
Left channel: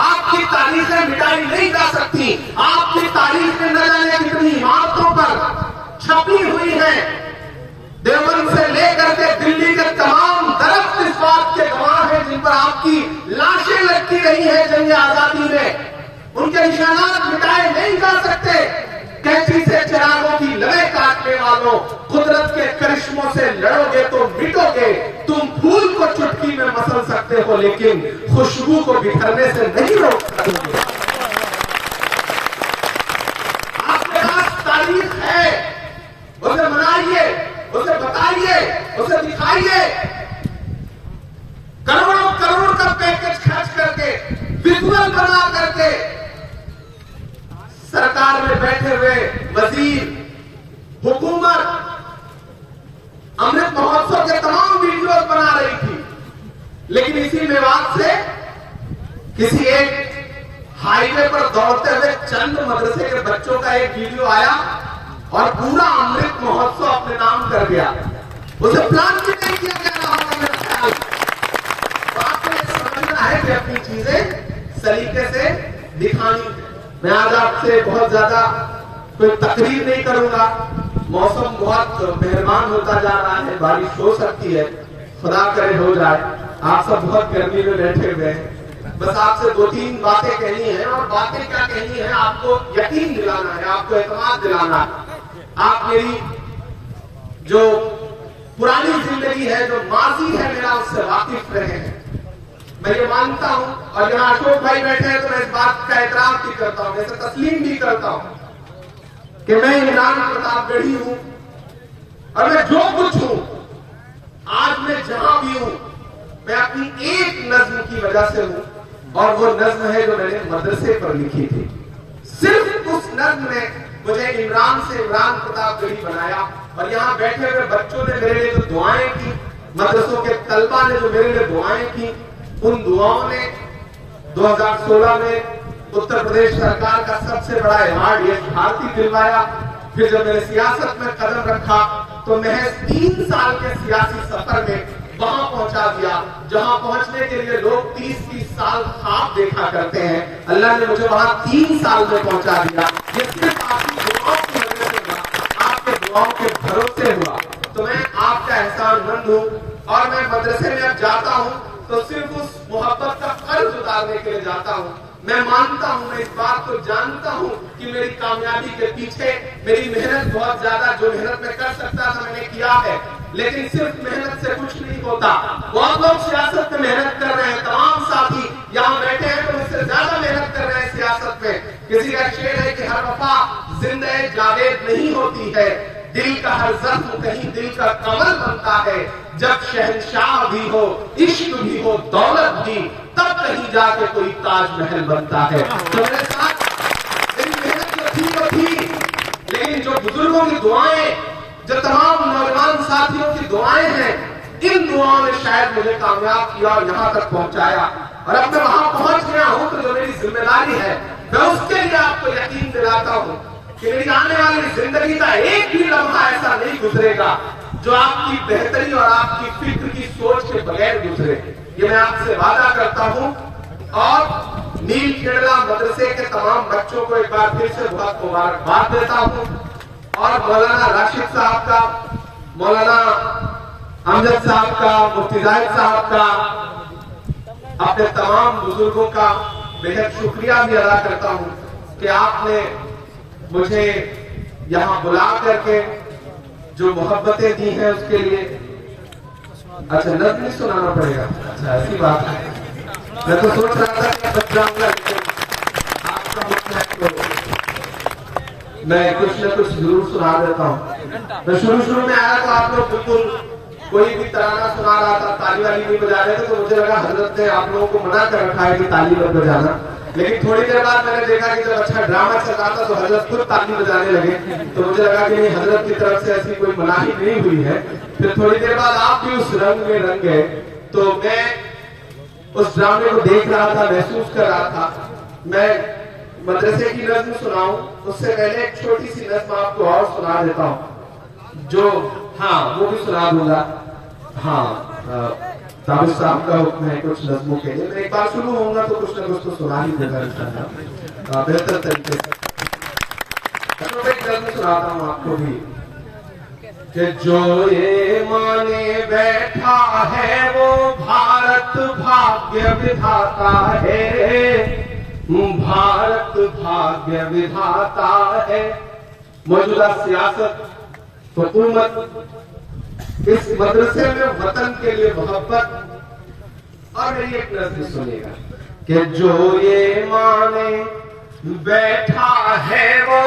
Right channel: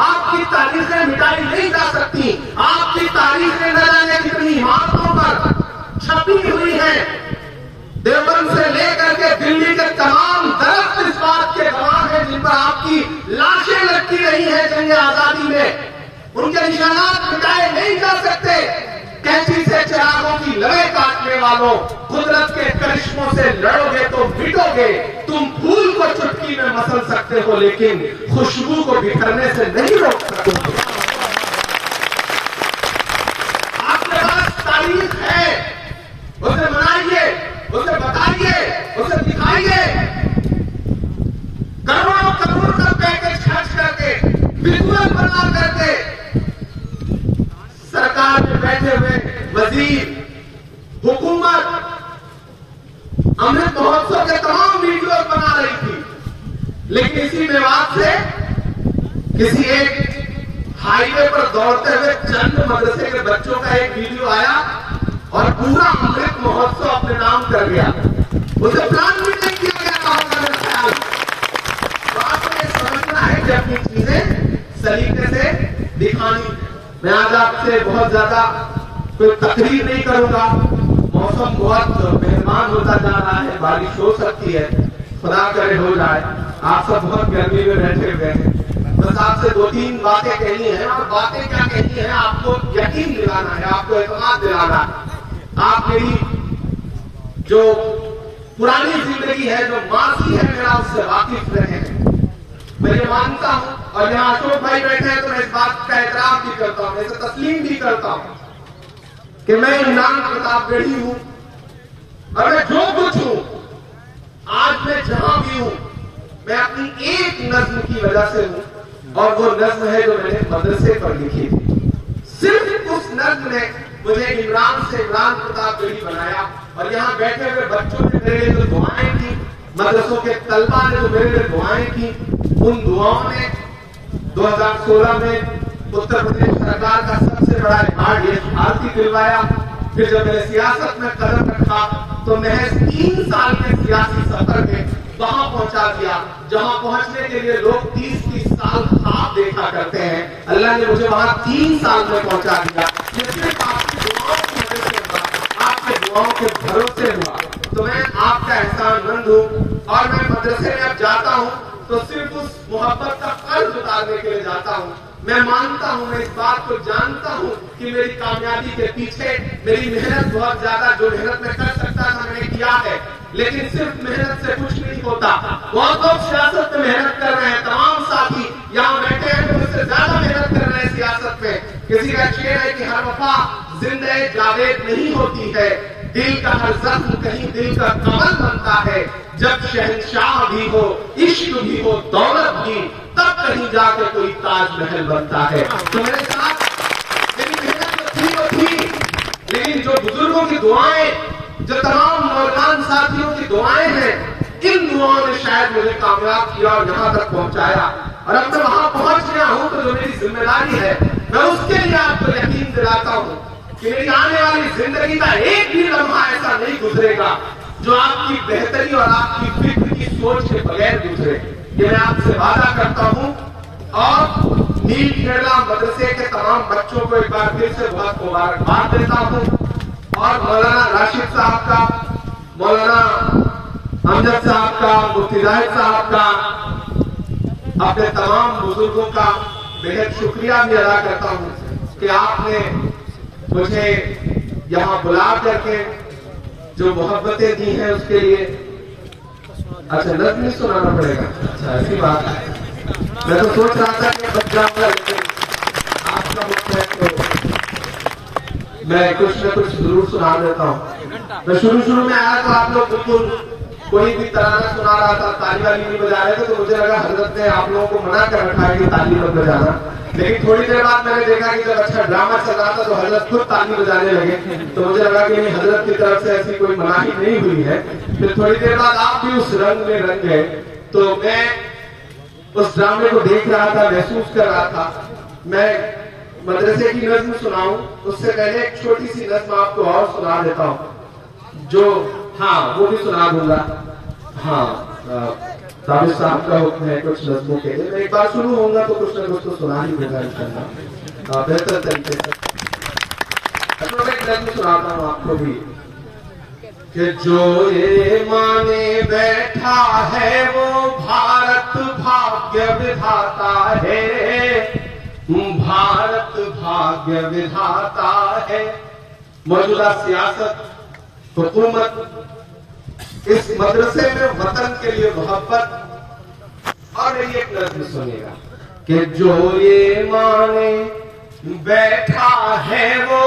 आपकी तारीखें मिटाई नहीं जा सकती। आपकी तारीखें न जाने कितनी इमारतों पर छपी हुई है। देवबंद से लेकर के दिल्ली के तमाम दरख्त इस बात के गवाह हैं जिन पर आपकी लाशें लटकी रही है जंग आजादी में। उनके निशानात मिटाए नहीं जा सकते। कैंची से चिरागों की लड़ाई काटने वालों, कुदरत के करिश्मों से लड़ोगे तो मिटोगे। तुम फूल को चुटकी में मसल सकते हो, लेकिन खुशबू को बिखरने से नहीं रोक सकते। आपके पास तारीख है, उसे मनाइए, उसे बताइए, उसे दिखाइए। करोड़ों करोड़ का पैकेज खर्च करके, विजुअल बना करके सरकार में बैठे हुए वजीर, हुकूमत अमृत महोत्सव के तमाम वीडियो बना रही थी, लेकिन इसी विवाद से किसी एक हाईवे पर दौड़ते हुए चंद मदरसे के बच्चों का एक वीडियो आया और पूरा अमृत महोत्सव अपने नाम कर गया। उसे प्लान भी नहीं किया गया। तो आपको ये समझना है कि अपनी चीजें सलीके से दिखानी। मैं आज आपसे बहुत ज्यादा कोई तकरीर नहीं करूंगा। मौसम बहुत मेहरबान होता जा रहा है, बारिश हो सकती है, खुदा करे हो जाए। आप सब बहुत गर्मी में बैठे हुए हैं, बस आपसे 2-3 बातें कहनी है। और बातें क्या कहनी है, आपको यकीन दिलाना है, आपको एतमाद दिलाना है। आप मेरी जो पुरानी जिंदगी है, जो माजी है, मेरा उससे वाकिफ रहे हैं। मैं ये मानता हूं, और यहाँ अशोक भाई बैठे हैं तो मैं इस बात का एतराफ भी करता हूं, इसे तस्लीम भी करता हूं कि मैं इमरान प्रतापगढ़ी हूं और मैं जो कुछ हूं, आज मैं जहां भी हूं, मैं अपनी एक नज्म की वजह से हूं। और वो नज्म है जो मैंने मदरसे पर लिखी थी। सिर्फ उस नज्म ने मुझे इमरान से इमरान प्रतापगढ़ी बनाया। और यहाँ बैठे हुए बच्चों ने मेरे लिए जो दुआएं की, मदरसों के तलबा ने जो मेरे लिए दुआएं की, उन दुआओं ने 2016 में उत्तर प्रदेश सरकार का सबसे बड़ा अवार्ड यश भारती दिलवाया। फिर जब मैंने सियासत में कदम रखा तो महज 3 साल के सियासी सफर में वहां पहुंचा दिया जहां पहुंचने के लिए लोग 30-30 साल ख्वाब देखा करते हैं। अल्लाह ने मुझे वहां 3 साल में पहुंचा दिया। ये सिर्फ आपकी दुआओं की वजह से हुआ, आपके दुआओं के भरोसे हुआ। तो मैं आपका एहसानमंद हूँ। और मैं मदरसे में अब जाता हूँ तो सिर्फ उस मोहब्बत का कर्ज उतारने के लिए जाता हूँ। मैं मानता हूँ, मैं इस बात को जानता हूँ कि मेरी कामयाबी के पीछे मेरी मेहनत बहुत ज्यादा, जो मेहनत मैं कर सकता था मैंने किया है। लेकिन सिर्फ मेहनत से कुछ नहीं होता। बहुत लोग सियासत में मेहनत कर रहे हैं, तमाम साथी यहाँ बैठे हैं तो मुझसे ज्यादा मेहनत कर रहे हैं सियासत में। किसी का शेर है कि हर वफा जिंदगी जावेद नहीं होती है, दिल का हर जख्म कहीं दिल का कमल बनता है। जब शहंशाह भी हो, इश्क भी हो, दौलत भी, तब कहीं जाके कोई ताजमहल बनता है। तो मेरे साथ मेरी मेहनत थी वो थी, लेकिन जो बुजुर्गों की दुआएं, जो तमाम नौजवान साथियों की दुआएं हैं, इन दुआओं ने शायद मुझे कामयाब किया और यहाँ तक पहुंचाया। और अब मैं वहां पहुंच गया हूं तो जो मेरी जिम्मेदारी है मैं उसके लिए आपको यकीन दिलाता हूं कि मेरी आने वाली जिंदगी का एक भी लम्हा ऐसा नहीं गुजरेगा जो आपकी बेहतरी और आपकी फिक्र की सोच के बगैर गुजरे। ये मैं आपसे वादा करता हूं। और नील खेड़ा मदरसे के तमाम बच्चों को एक बार फिर से बहुत मुबारकबाद देता हूं। और मौलाना राशिद साहब का, मौलाना अमजद साहब का, मुफ्ती जाहिद साहब का, अपने तमाम बुजुर्गों का बेहद शुक्रिया भी अदा करता हूं कि आपने मुझे यहाँ बुला करके जो मोहब्बतें दी हैं उसके लिए। अच्छा, नज़्म नहीं सुनाना पड़ेगा? अच्छा, ऐसी बात है। मैं तो सोच रहा था कि बच जाऊंगा, लेकिन आपका मतलब तो मैं कुछ न कुछ जरूर सुना देता हूँ। तो शुरू में आया था, आप लोग बिल्कुल कोई भी तराना सुना रहा था, ताली वाली नहीं बजा रहे थे, तो मुझे लगा हजरत ने आप लोगों को मना कर रखा है कि ताली मत बजाना। लेकिन थोड़ी देर बाद मैंने देखा कि जब अच्छा ड्रामा चल रहा था तो हजरत खुद ताली बजाने लगे, तो मुझे लगा कि नहीं, हजरत की तरफ से ऐसी कोई मनाही नहीं हुई है। फिर थोड़ी देर बाद आप भी उस रंग में रंग गए, तो मैं उस ड्रामे को देख रहा था, महसूस कर रहा था। मैं मदरसे की नज़्म सुनाऊं उससे पहले एक छोटी सी नज़्म आपको और सुना देता हूं, जो हाँ वो भी सुना दूंगा। हाँ, साबिर साहब का हुक्म है कुछ नज़्मों के लिए। एक बार शुरू होगा तो कुछ न कुछ तो सुना ही दूंगा इंशाअल्लाह बेहतर तरीके से। एक नज़्म सुनाता हूँ आपको भी कि जो ये माने बैठा है वो भारत भाग्य विधाता है, भारत भाग्य विधाता है। मौजूदा सियासत, हुकूमत, इस मदरसे में वतन के लिए मोहब्बत। और मेरी एक नज़्म सुनिएगा कि जो ये माने बैठा है वो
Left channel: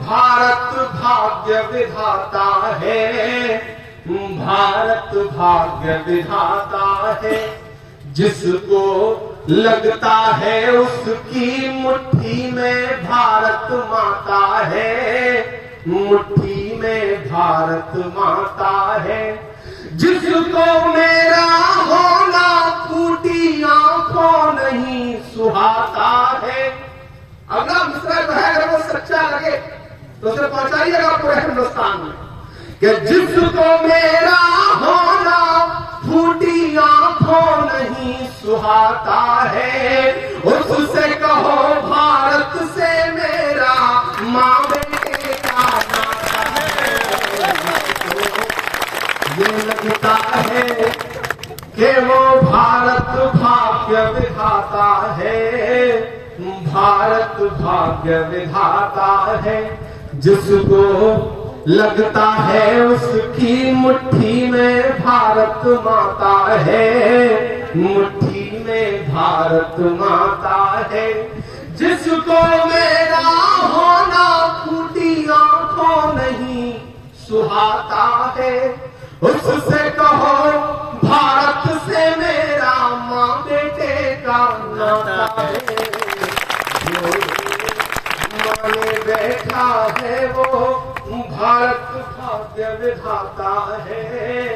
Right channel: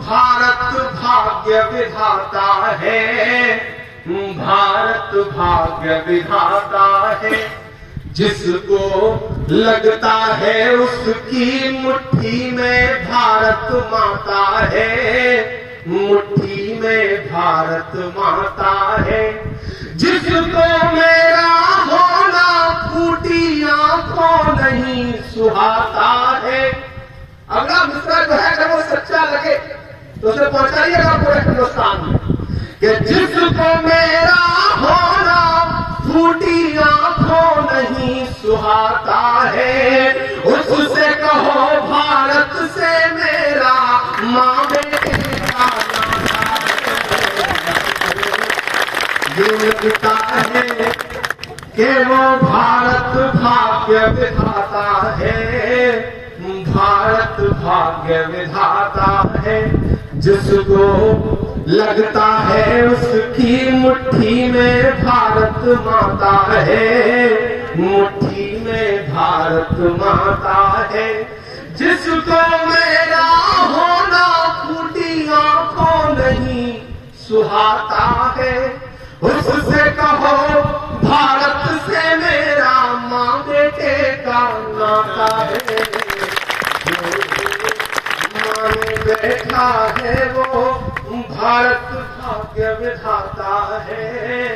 भारत भाग्य विधाता है, भारत भाग्य विधाता है। जिसको लगता है उसकी मुट्ठी में भारत माता है, मुट्ठी में भारत माता है। जिसको मेरा होना फूटी आंखों नहीं सुहाता है। अगला मिसरा जो है अगर वो सच्चा लगे तो उसे पहुंचाइएगा पूरे हिंदुस्तान में कि जिसको मेरा होना फूटी आंखों नहीं सुहाता है, उससे कहो भारत से मेरा माँ बेटे का नाता है। ये लगता है कि वो भारत भाग्य विधाता है, भारत भाग्य विधाता है। जिसको लगता है उसकी मुट्ठी में भारत माता है, मुट्ठी में भारत माता है। जिसको मेरा होना फूटी आंखों नहीं सुहाता है, उससे कहो भारत से मेरा माँ बेटे का नाता है। माने बैठा है वो भारत भाग्य विधाता है,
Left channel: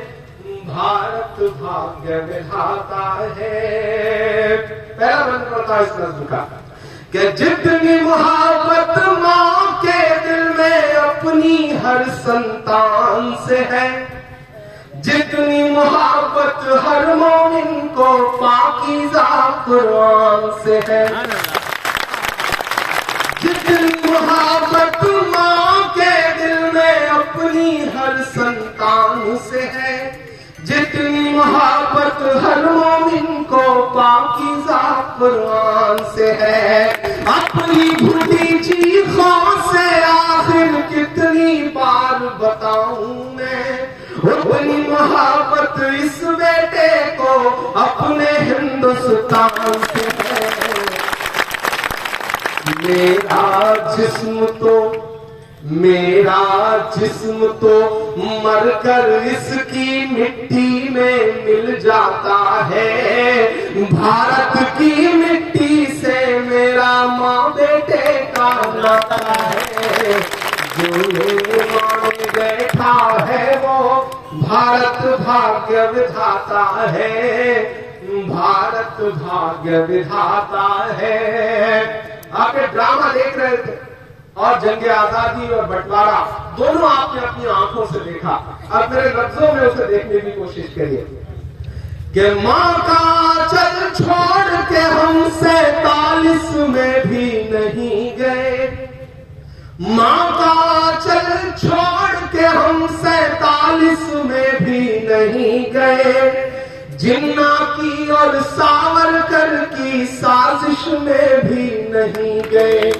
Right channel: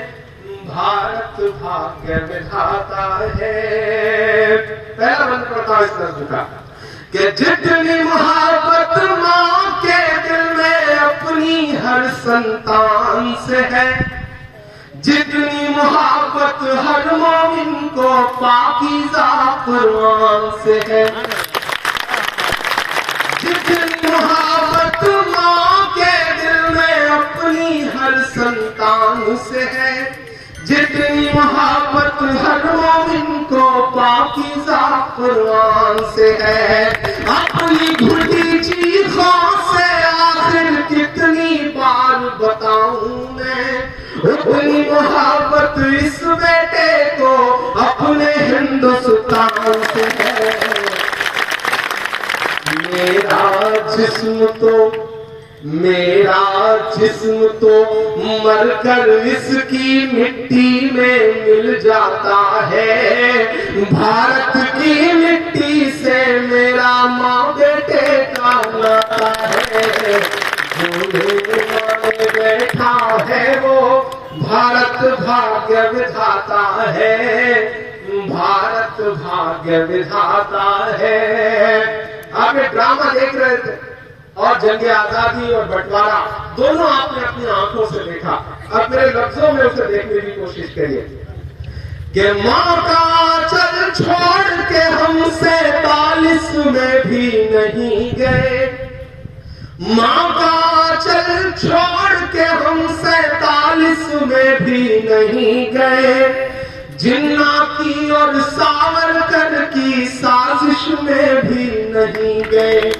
भारत भाग्य विधाता है। पहला मंत्र पढ़ता इस नज़्म का कि जितनी मोहब्बत माँ के दिल में अपनी हर संतान से है, जितनी मोहब्बत हर मोमिन को पाकीज़ा कुरान से है, जितनी मोहब्बत माँ के दिल में अपनी हर हर संतान से है, जितनी मोहब्बत हर मोमिन को पाकीज़ा कुरान से है। अपनी घुटी चीखों से आखिर कितनी बार बताऊं मैं, अपनी मोहब्बत इस बेटे को अपने हिंदुस्तान से है। मेरा जिस्म तो मरकर इसकी मिट्टी में मिल जाता है। भारत की मिट्टी से मेरा माँ बेटे का नाता है। जो में बैठा है वो भारत भाग्य विधाता है, भारत भाग्य विधाता है। आप ये ड्रामा देख रहे थे और जंग आजादी और बंटवारा दोनों आपने अपनी आंखों से देखा। अब मेरे लफ्जों में उसे देखने की कोशिश करिए कि माँ का चल छोड़ के हम 47 में भी नहीं गए, माँ का चल छोड़ के हम 47 में भी नहीं गए। जिन्ना की और सावरकर की साजिश में भी नहीं गए।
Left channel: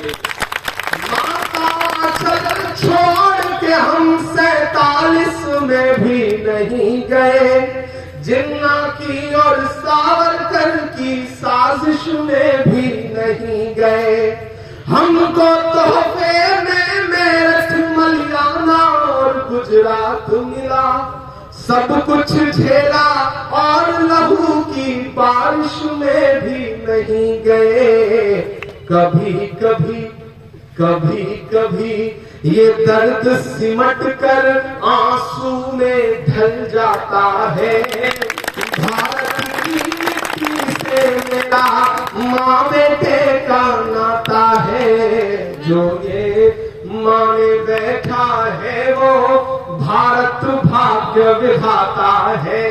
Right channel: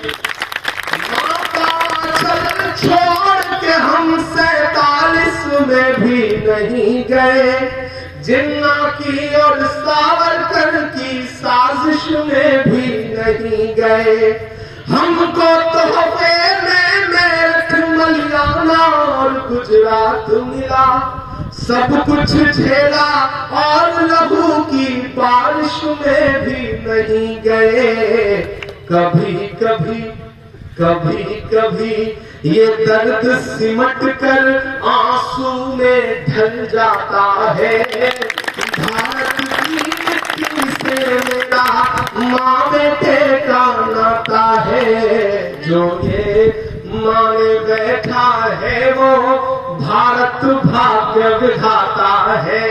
छोड़ के हम 47 में भी नहीं गए। जिन्ना की और सावरकर की साजिश में भी नहीं गए। हमको तोहफे में मेरठ मलियाना और गुजरात मिला, सब कुछ झेला और लहू की बारिश में भी नहीं गए। कभी ये दर्द सिमट कर आंसू में ढल जाता है। भारत की मिट्टी से मेरा माँ बेटे का नाता है। जो ये माने बैठा है वो भारत भाग्य विधाता है,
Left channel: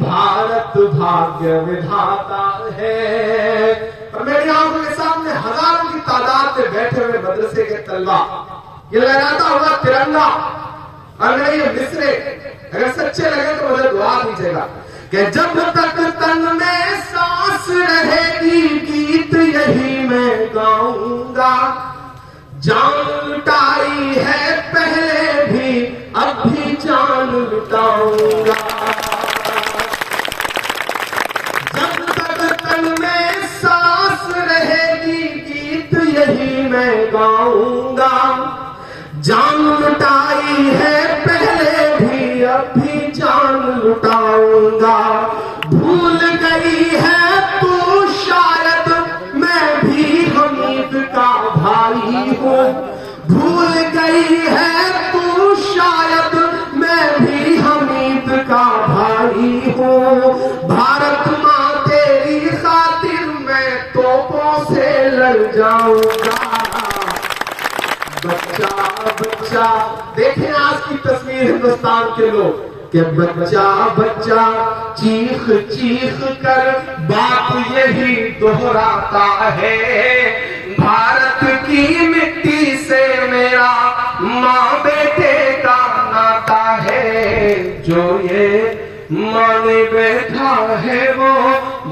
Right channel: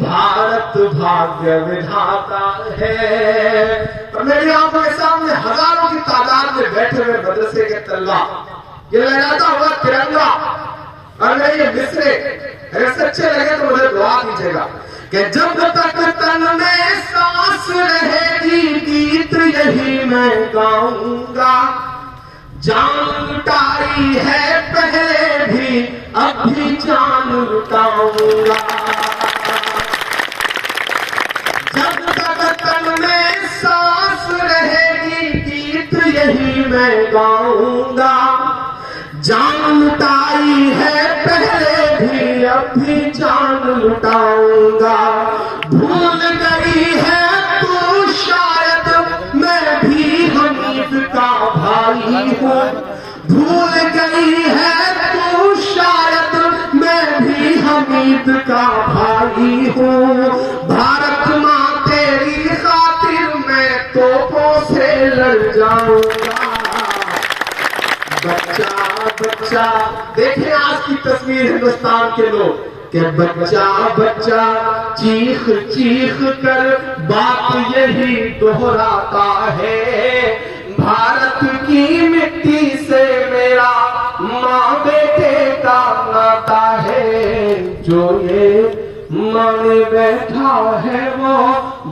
भारत भाग्य विधाता है। और मेरी आंखों के सामने हजारों की तादाद में बैठे हुए मदरसे के तलबा, ये लहराता हुआ तिरंगा, और मेरे ये मिसरे अगर सच्चे लगे तो मुझे दुआ दीजिएगा कि जब तक तन में सांस रहेगी गीत यही मैं गाऊंगा। जान लुटाई है पहले भी अब भी जान लुटाऊंगा। जब तक तन में सांस रहेगी गीत यही मैं गाऊंगा। जान लुटाई है पहले भी अब भी जान लुटाऊंगा। भूल गई है तू शायद मैं भी हमीद का भाई हूँ। भूल गई है तू शायद मैं भी हमीद का भाई हूँ। भारत माँ तेरी खातिर मैं तोपों से लड़ जाऊंगा। बच्चा बच्चा देखें आज की तस्वीर हिंदुस्तान के लोग कि बच्चा बच्चा चीख चीख कर बात यही दोहराता है। भारत की मिट्टी से मेरा माँ बेटे का नाता है। जो ये माने बैठा है वो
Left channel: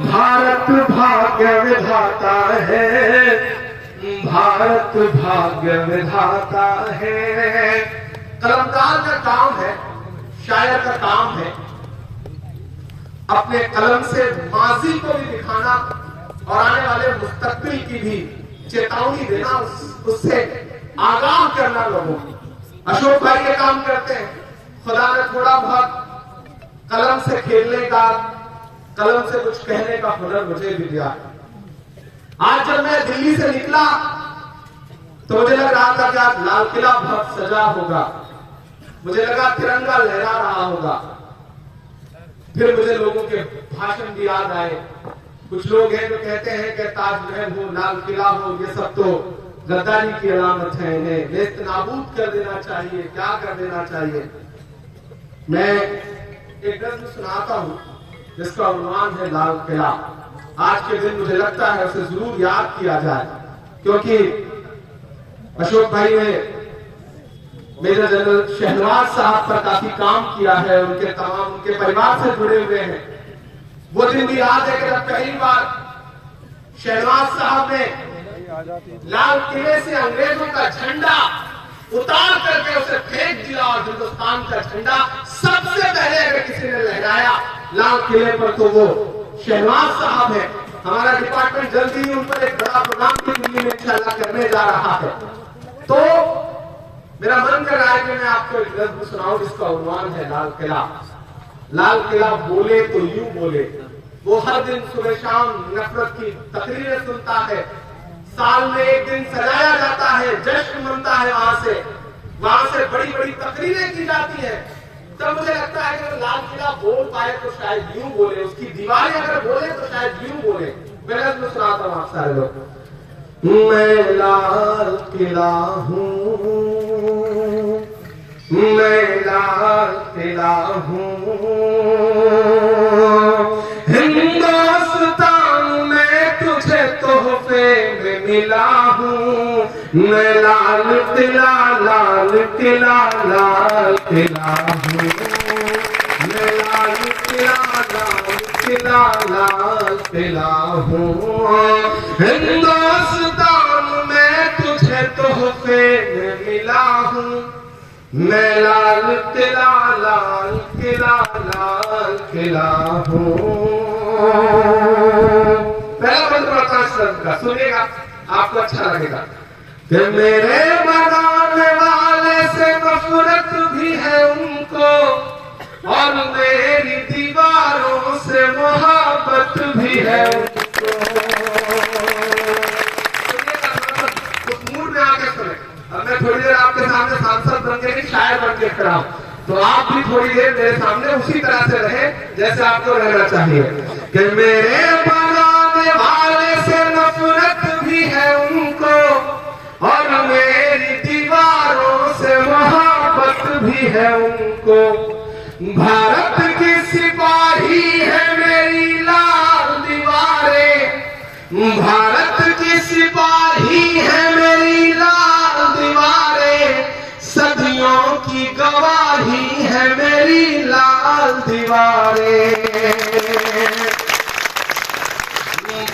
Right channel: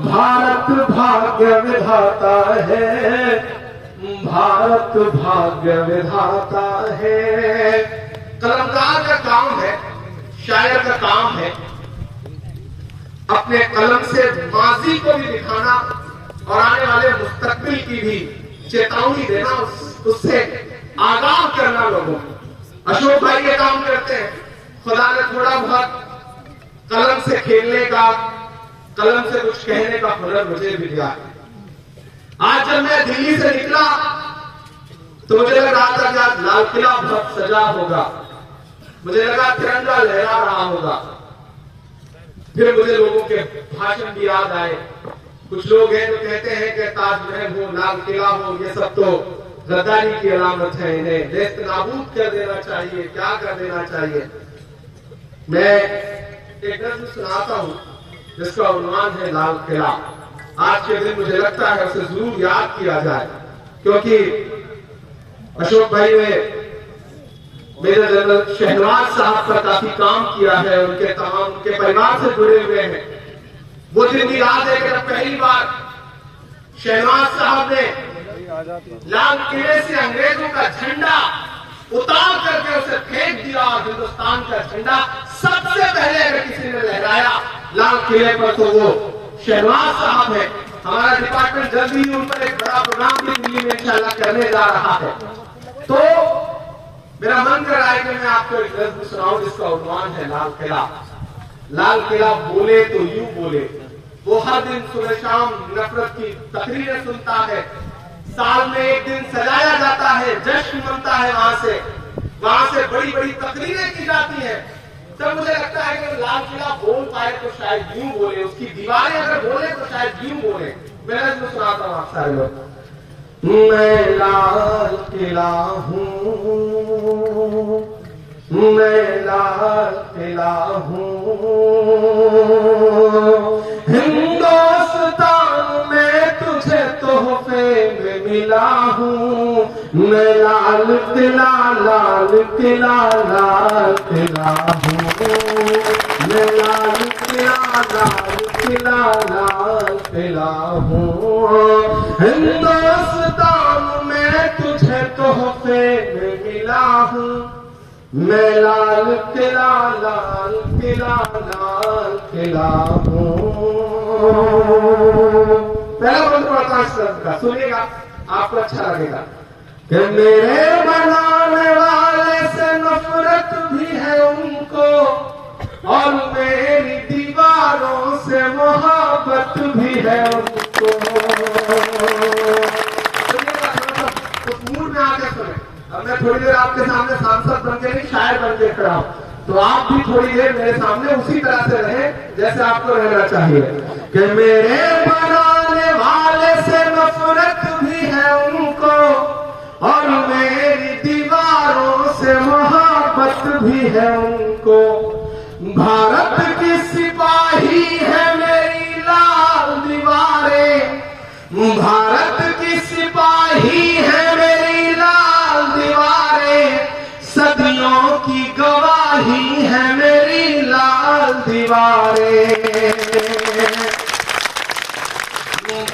भारत भाग्य विधाता है, भारत भाग्य विधाता है। कलमकार का काम है, शायर का काम है अपने कलम से माजी को भी दिखाना और आने वाले मुस्तकबिल की भी चेतावनी देना, उससे आगाह करना लोगों को। अशोक भाई ये काम करते हैं। खुदा ने थोड़ा बहुत कलम से खेलने का, कलम से कुछ कहने का हुनर मुझे भी दिया है। आज जब मैं दिल्ली से निकला तो मुझे लगा था कि आज लाल किला बहुत सजा होगा, मुझे लगा तिरंगा लहरा रहा होगा। फिर मुझे लोगों के भाषण भी याद आए। कुछ लोग हैं जो कहते हैं कि ताजमहल हो, लाल किला हो, ये सब तो गद्दारी की अलामत है, इन्हें नेस्त नाबूद कर देना चाहिए, क्या कर देना चाहिए। मैं एक नज़्म सुनाता हूं जिसका उन्वान है लाल किला। आज के दिन मुझे लगता है उसे जरूर याद किया जाए, क्योंकि अशोक भाई ने मेरे जनरल शहनाज साहब का काफी काम किया है, उनके परिवार से जुड़े हुए हैं। वो दिन भी याद है कि जब पहली बार शहनाज साहब ने लाल किले से अंग्रेजों का झंडा उतार करके उसे फेंक दिया और हिंदुस्तान का झंडा सबसे पहले अगर किसी ने लहराया लाल किले पर तो वो शहनाज साहब है। हमारा डिपार्टमेंट जल्दी ही उन पर एक बड़ा प्रोग्राम भी दिल्ली में इंशाल्लाह करने जा रहा है। तो मेरा मन कर रहा है कि मैं आपको एक लफ्ज सुनाऊं जिसका उन्वान है लाल किला। लाल किला बोले तो यूं बोले, वो हर दिन सुबह शाम नफरत की तकरीरें सुनता है, साल में एक दिन सजाया जाता है, जश्न मनता है, वहां से बड़ी बड़ी तकरीरें की जाती है। जब मुझे लगता है कि लाल किला बोल पाए तो शायद यूं बोले, उसकी दीवारें अगर बोले तो शायद यूं बोले। मैं तो सुनाता हूं आप सारे लोग। मैं लाल किला हूँ, मैं लाल किला हूँ, हिंदुस्तान में तुझे तोहफे में मिला हूँ। मैं लाल किला, लाल किला, लाल किला हूँ, मैं लाल किला, लाल किला, लाल किला हूँ। हिंदुस्तान में तुझे तोहफे में मिला हूँ। मैं लाल किला, लाल किला, लाल किला हूँ। पहला मंत्र और 5 शब्द का सुनिएगा, आपको अच्छा लगेगा। कि मेरे बनाने वाले से नफरत भी है उनको, और मेरी दीवारों से मोहब्बत भी है उनको। उस मूड में आके सुने। अब मैं थोड़ी देर आपके सामने सांसद बन के नहीं, शायर बन के खड़ा हूं, तो आप भी थोड़ी देर मेरे सामने उसी तरह से रहे जैसे आपको रहना चाहिए। कि मेरे बनाने वाले से नफरत भी है उनको, और मेरी दीवारों से मोहब्बत भी है उनको। भारत की सिपाही है मेरी लाल दीवारें, भारत की सिपाही है मेरी लाल दीवारें, सदियों की गवाही है मेरी लाल दीवारें।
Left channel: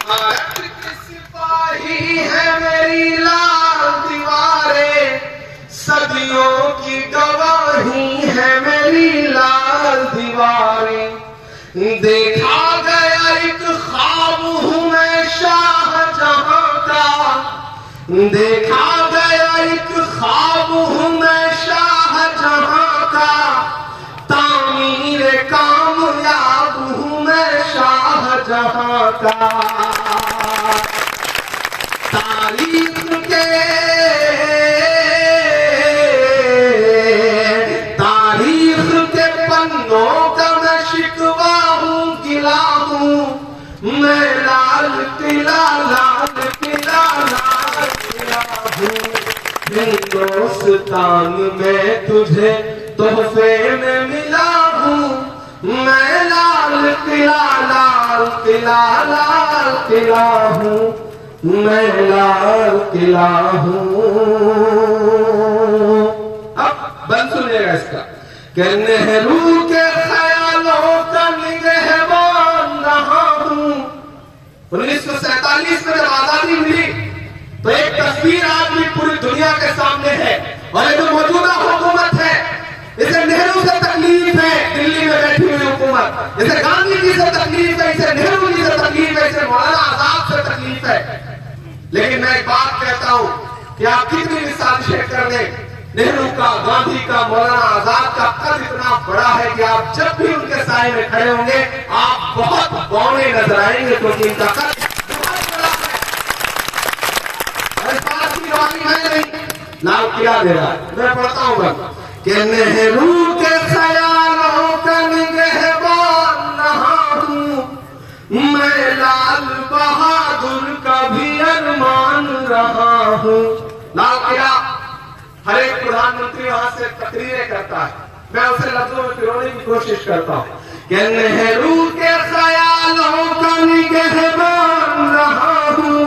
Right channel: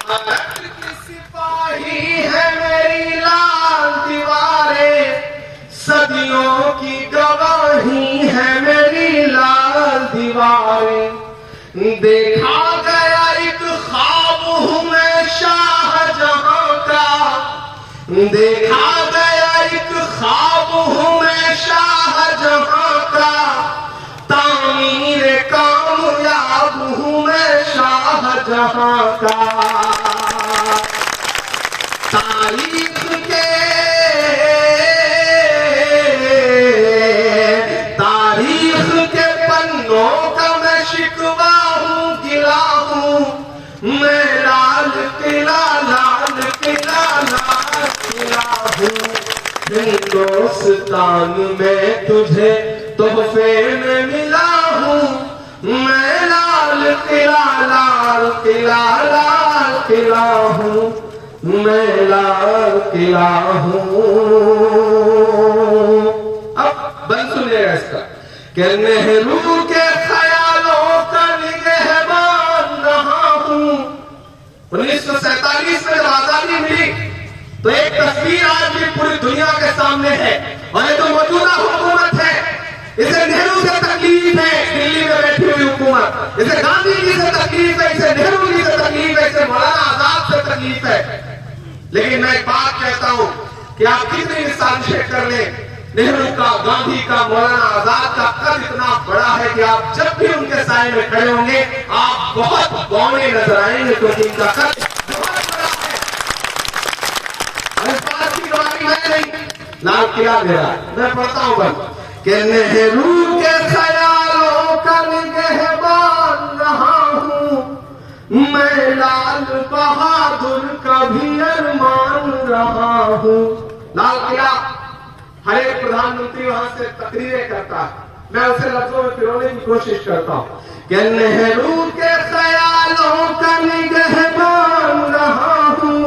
भारत की सिपाही है मेरी लाल दीवारें, सदियों की गवाही है मेरी लाल दीवारें। देखा गया एक ख्वाब हूँ मैं शाहजहां का, देखा गया एक ख्वाब हूँ मैं शाहजहां का, तामीर कामयाब हूँ मैं शाहजहां का। तारीख के पन्नों का मैं शिकवा हूँ, गिला हूँ। मैं लाल किला, लाल किला, लाल किला हूँ। हिंदुस्तान में तुझे तोहफे में मिला हूँ। मैं लाल किला, लाल किला, लाल किला हूँ। मैं लाल किला हूँ। अब बंद सुनिएगा इसका। कि नेहरू के ख्यालों का निगहबान रहा हूँ। 1947 में जब आजादी मिली तो एक तस्वीर आज भी पूरी दुनिया के सामने है, और जो मौजूदा हुकूमत है इसे नेहरू से तकलीफ है, दिल्ली में बैठी हुई हुकूमत, इसे गांधी जी से तकलीफ है, इसे नेहरू जी से तकलीफ है, इसे मौलाना आजाद से तकलीफ है। लेकिन मैं एक बात कहता हूं कि आप कितनी भी साजिशें कर लें, नेहरू का, गांधी का, मौलाना आजाद का कद इतना बड़ा है कि आप जब भी उनके साए में खड़े होंगे आप बहुत बौने नजर आएंगे, क्योंकि इनका कद बहुत बड़ा है। और इस बात की बात है नहीं, लाल किला दे रहा है। मैं पढ़ता हूं बस कि नेहरू के ख्यालों का निगहबान रहा हूं। मैं लाल बहादुर का भी अरमान रहा हूं। लाल किला हर एक प्रधानमंत्री वहां से तकरीरें करता है, मैं उसे लफ्जों में पिरोने की कोशिश करता हूं कि नेहरू के ख्यालों का निगहबान रहा हूं।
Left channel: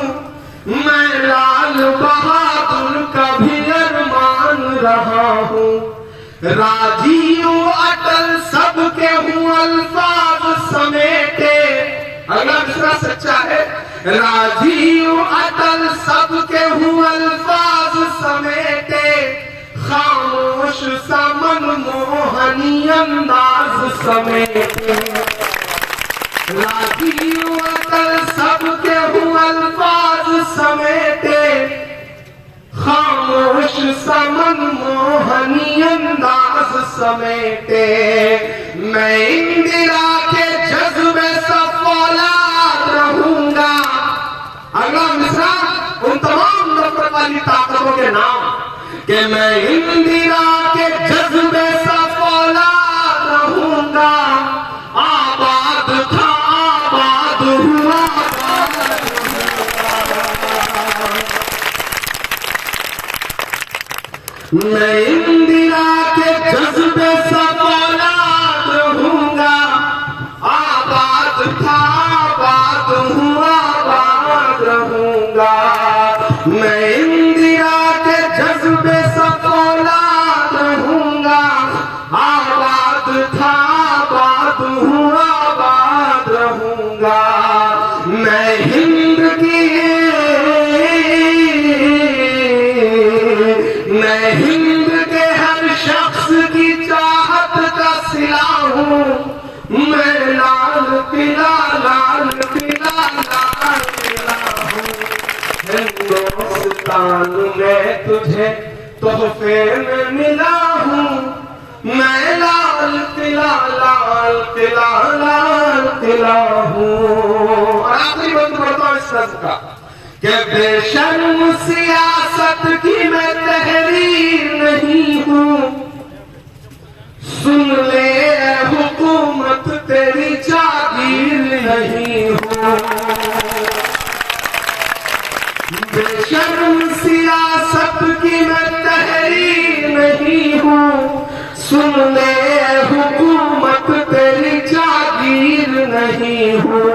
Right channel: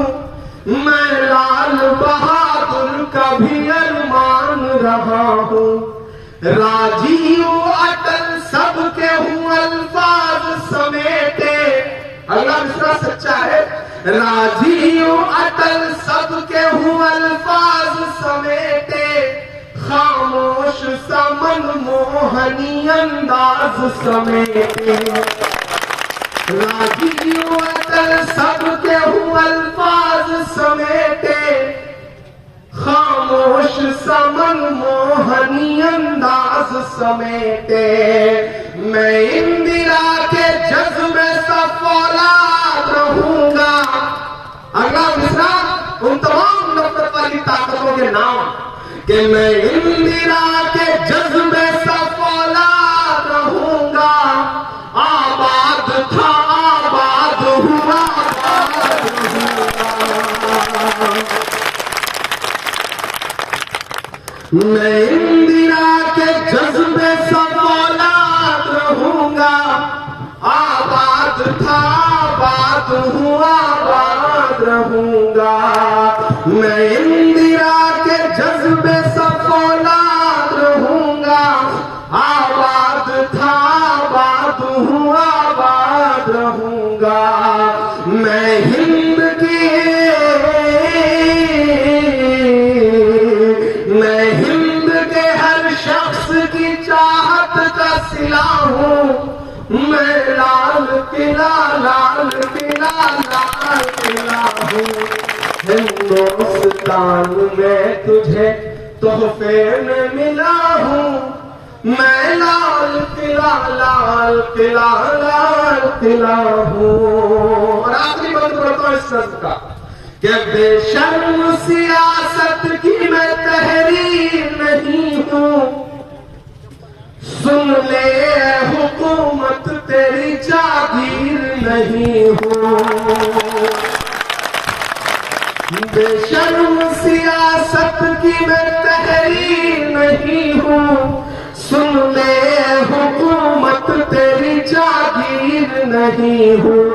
मैं लाल बहादुर का भी अरमान रहा हूं। राजीव अटल सबके हूँ अल्फाज समेटे। अगला मिसरा सच्चा है। राजीव अटल सबके हूँ अल्फाज समेटे, खामोश सा मनमोहनी अंदाज समेटे। राजीव अटल सबके हूँ अल्फाज समेटे, खामोश सा मनमोहनी अंदाज समेटे। मैं इंदिरा के जज्बे सा फौलाद रहूंगा। अगला मिसरा उन तमाम नफरत वाली ताकतों के नाम कि मैं इंदिरा के जज्बे सा फौलाद रहूंगा। आबाद था आबाद हुआ, मैं इंदिरा के जज्बे सा फौलाद रहूंगा। आबाद था आबाद हुआ, आबाद रहूंगा। मैं इंदिरा के जज्बे सा फौलाद रहूंगा। आबाद था आबाद हुआ, आबाद रहूंगा। मैं हिंद की हर शख्स की चाहत का सिला हूँ। मैं लाल किला लाल किला लाल किला हूँ। हिंदुस्तान में तुझे तोहफे में मिला हूँ। मैं लाल किला लाल किला लाल किला हूँ। और आखिरी बंद करता हूँ इस शब्द का कि बेशर्म सियासत की मैं तहरीर नहीं हूँ। सुन ले हुकूमत तेरी जागीर नहीं हूँ। बेशर्म सियासत की मैं तहरीर नहीं हूँ। सुन ले हुकूमत तेरी जागीर नहीं हूँ।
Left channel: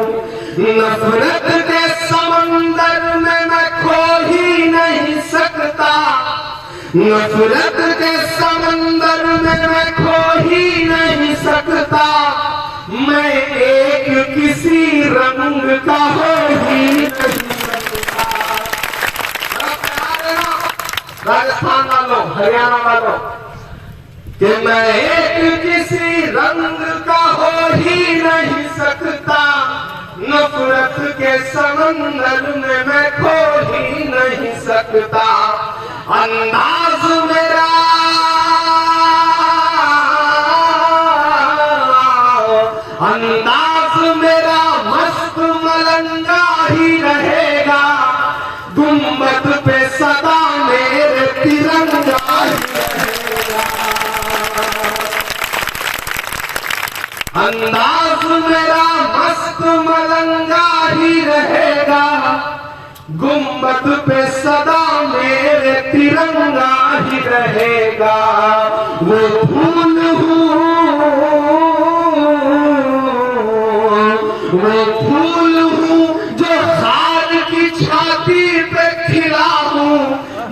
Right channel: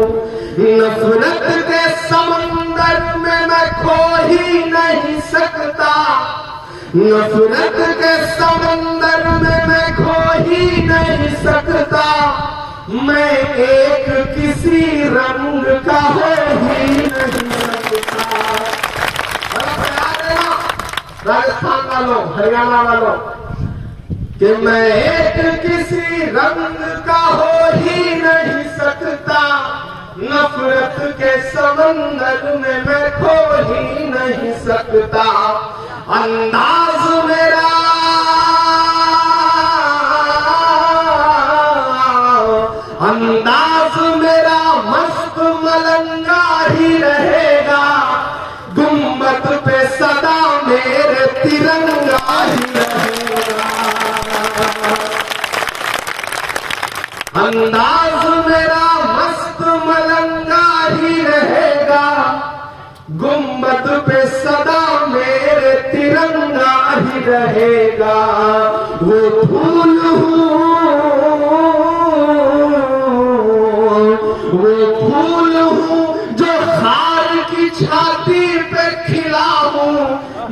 नफरत के समंदर में मैं खो ही नहीं सकता। नफरत के समंदर में मैं खो ही नहीं सकता। मैं एक किसी रंग का हो ही नहीं सकता। राजस्थान वालों, हरियाणा वालों, कि मैं एक किसी रंग का हो ही नहीं सकता। नफरत के समंदर में मैं खो ही नहीं सकता। अंदाज मेरा मस्त मलंगा ही रहेगा। गुंबद पे सदा मेरे तिरंगा ही रहेगा। अंदाज मेरा मस्त मलंगा ही रहेगा। गुंबद पे सदा मेरे तिरंगा ही रहेगा। वो फूल हूँ, वो फूल हूँ जो खार की छाती पे खिला हूँ।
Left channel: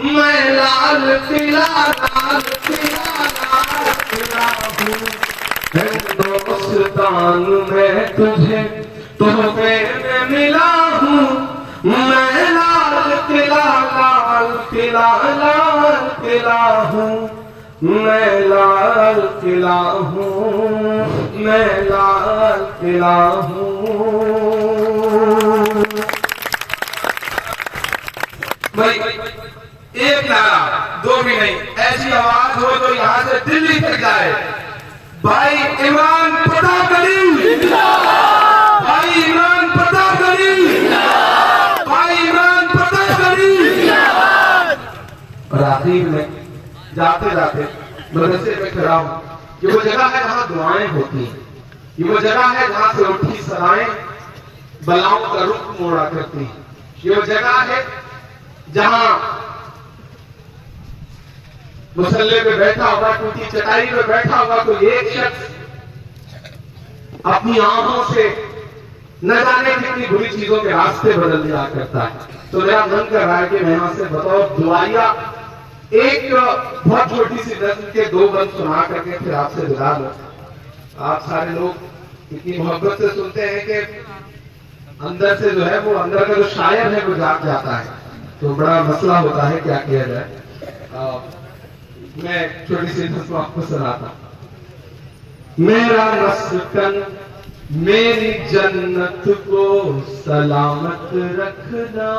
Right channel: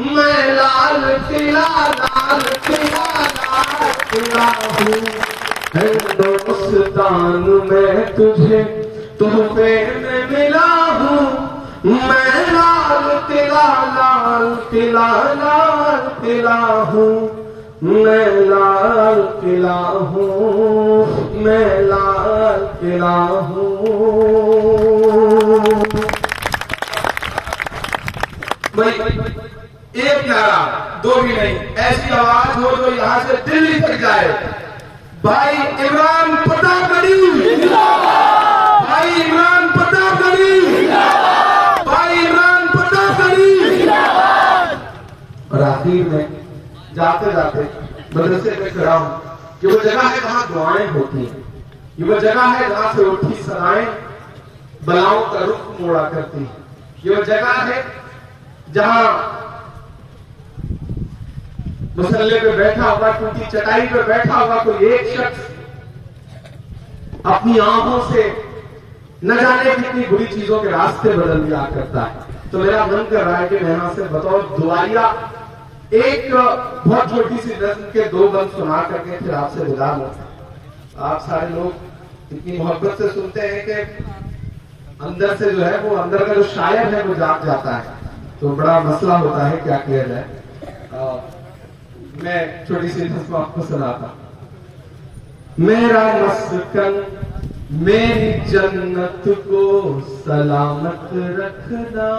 मैं लाल किला लाल किला लाल किला हूँ। हिंदुस्तान में तुझे तोहफे में मिला हूँ। मैं लाल किला लाल किला लाल किला हूँ। मैं लाल किला हूँ। मैं लाल किला हूँ। भाई एक नारा, दो भी नहीं, ऐसी आवाज हो जो यहाँ से दिल्ली तक जाए। भाई इमरान पटाखड़ी, भाई इमरान पटाखड़ी, भाई इमरान पटाखड़ी। और आखिर में जाते जाते मदरसे में खड़ा हूं। ये वो जगह है जहां दुआएं होती हैं। ये वो जगह है जहां से उठी सदाएं बलाओं का रुख मोड़ा करती हैं। ये वो जगह है जहां मुसल्ले पे बैठा हुआ, टूटी चटाई पे बैठा हुआ कोई एक शख्स अपनी आंखों से न जाने कितनी बुरी चीजों के रास्ते बदल दिया करता है। तो मेरा मन कर रहा है कि मैं यहां से बतौर दुआया एक बहुत छोटी सी नज्म के 2 बंद सुना करके फिर आपसे विदा लो। आप सारे लोग इतनी मोहब्बत से सुनते हैं कि अंदर से जो है वो अंदर का जो शायर है वो जाग जाता है, तो बड़ा मसला होता है क्या किया जाए। मैं छोटी सी नज्म आपको सुनाता। मेरा मस्कन मेरी जन्नत को सलामत रखना।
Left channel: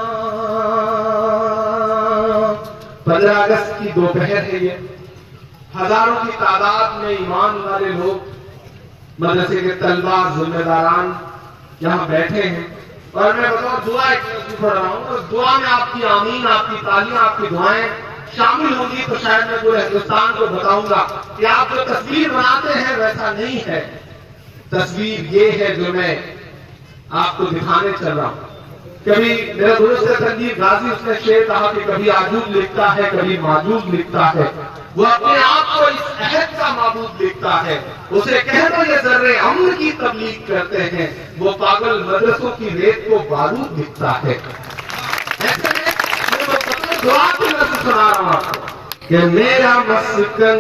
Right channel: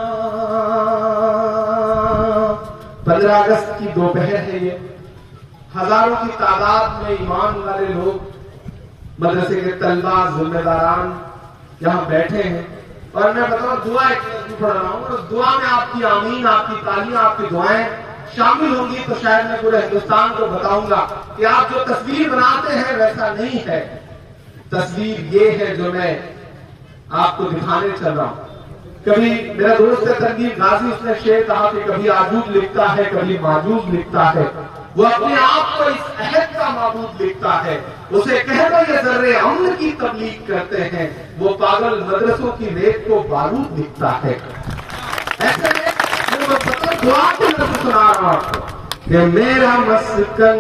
15 अगस्त की दोपहर है ये, हजारों की तादाद में ईमान वाले लोग, मदरसे के तलबा, जिम्मेदारान यहाँ बैठे हैं और मैं बताऊं दुआ पढ़ रहा हूं, तो दुआ में आपकी आमीन, आपकी तालियां, आपकी दुआएं शामिल होंगी तो शायद मैं पूरे हिंदुस्तान को बताऊंगा कि आप जो तस्वीर बनाते हैं वैसा नहीं है। तस्वीर ये है जो मैं आपको दिखाने चल रहा हूं। कभी मेरा दोस्त है तनवीर गाजी, उसने शेर कहा कि कभी आजूब लिखता है, कभी माजूब लिखता है। वो अपने आप को इस अहद का माबूद लिखता है। उसे कह दो ये जर्रे अम्न की तबलीग करते हैं, वो पागल मदरसों की रेत को बारूद लिखता है। ऐसे में दुआ की नज़र सुना रहा हूं कि मेरा मस्कन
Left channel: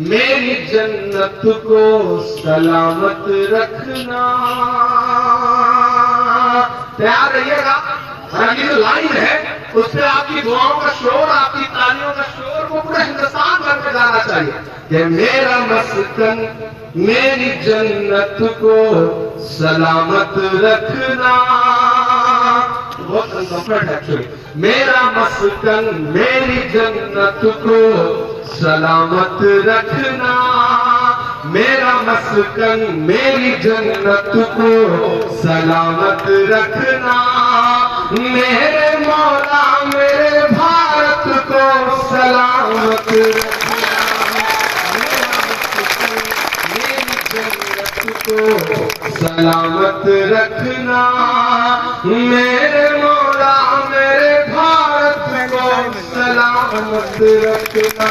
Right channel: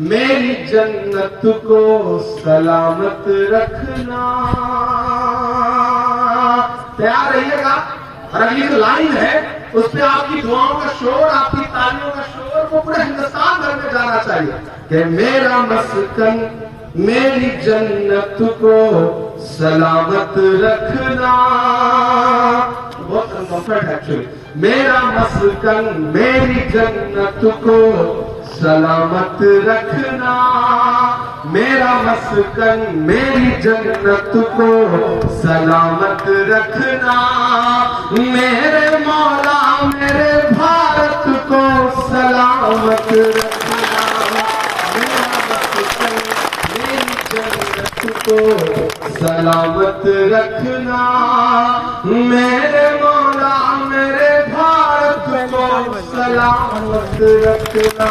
मेरी जन्नत को सलामत रखना। तैयार रहिएगा। और अगली जो लाइन है उसमें आपकी दुआओं का शोर, आपकी तालियों का शोर वो पूरे हिंदुस्तान भर में जाना चाहिए कि मेरा मस्कन मेरी जन्नत को सलामत रखना। बहुत अनकंफर्ट है एक्चुअली। मेरा मस्कन मेरी जन्नत को सलामत रखना। मेरा मस्कन मेरी जन्नत को सलामत रखना। मेरे मौला मेरे भारत को सलामत रखना। मेरा मस्कन मेरी जन्नत को सलामत रखना। मेरे मौला मेरे भारत को सलामत रखना।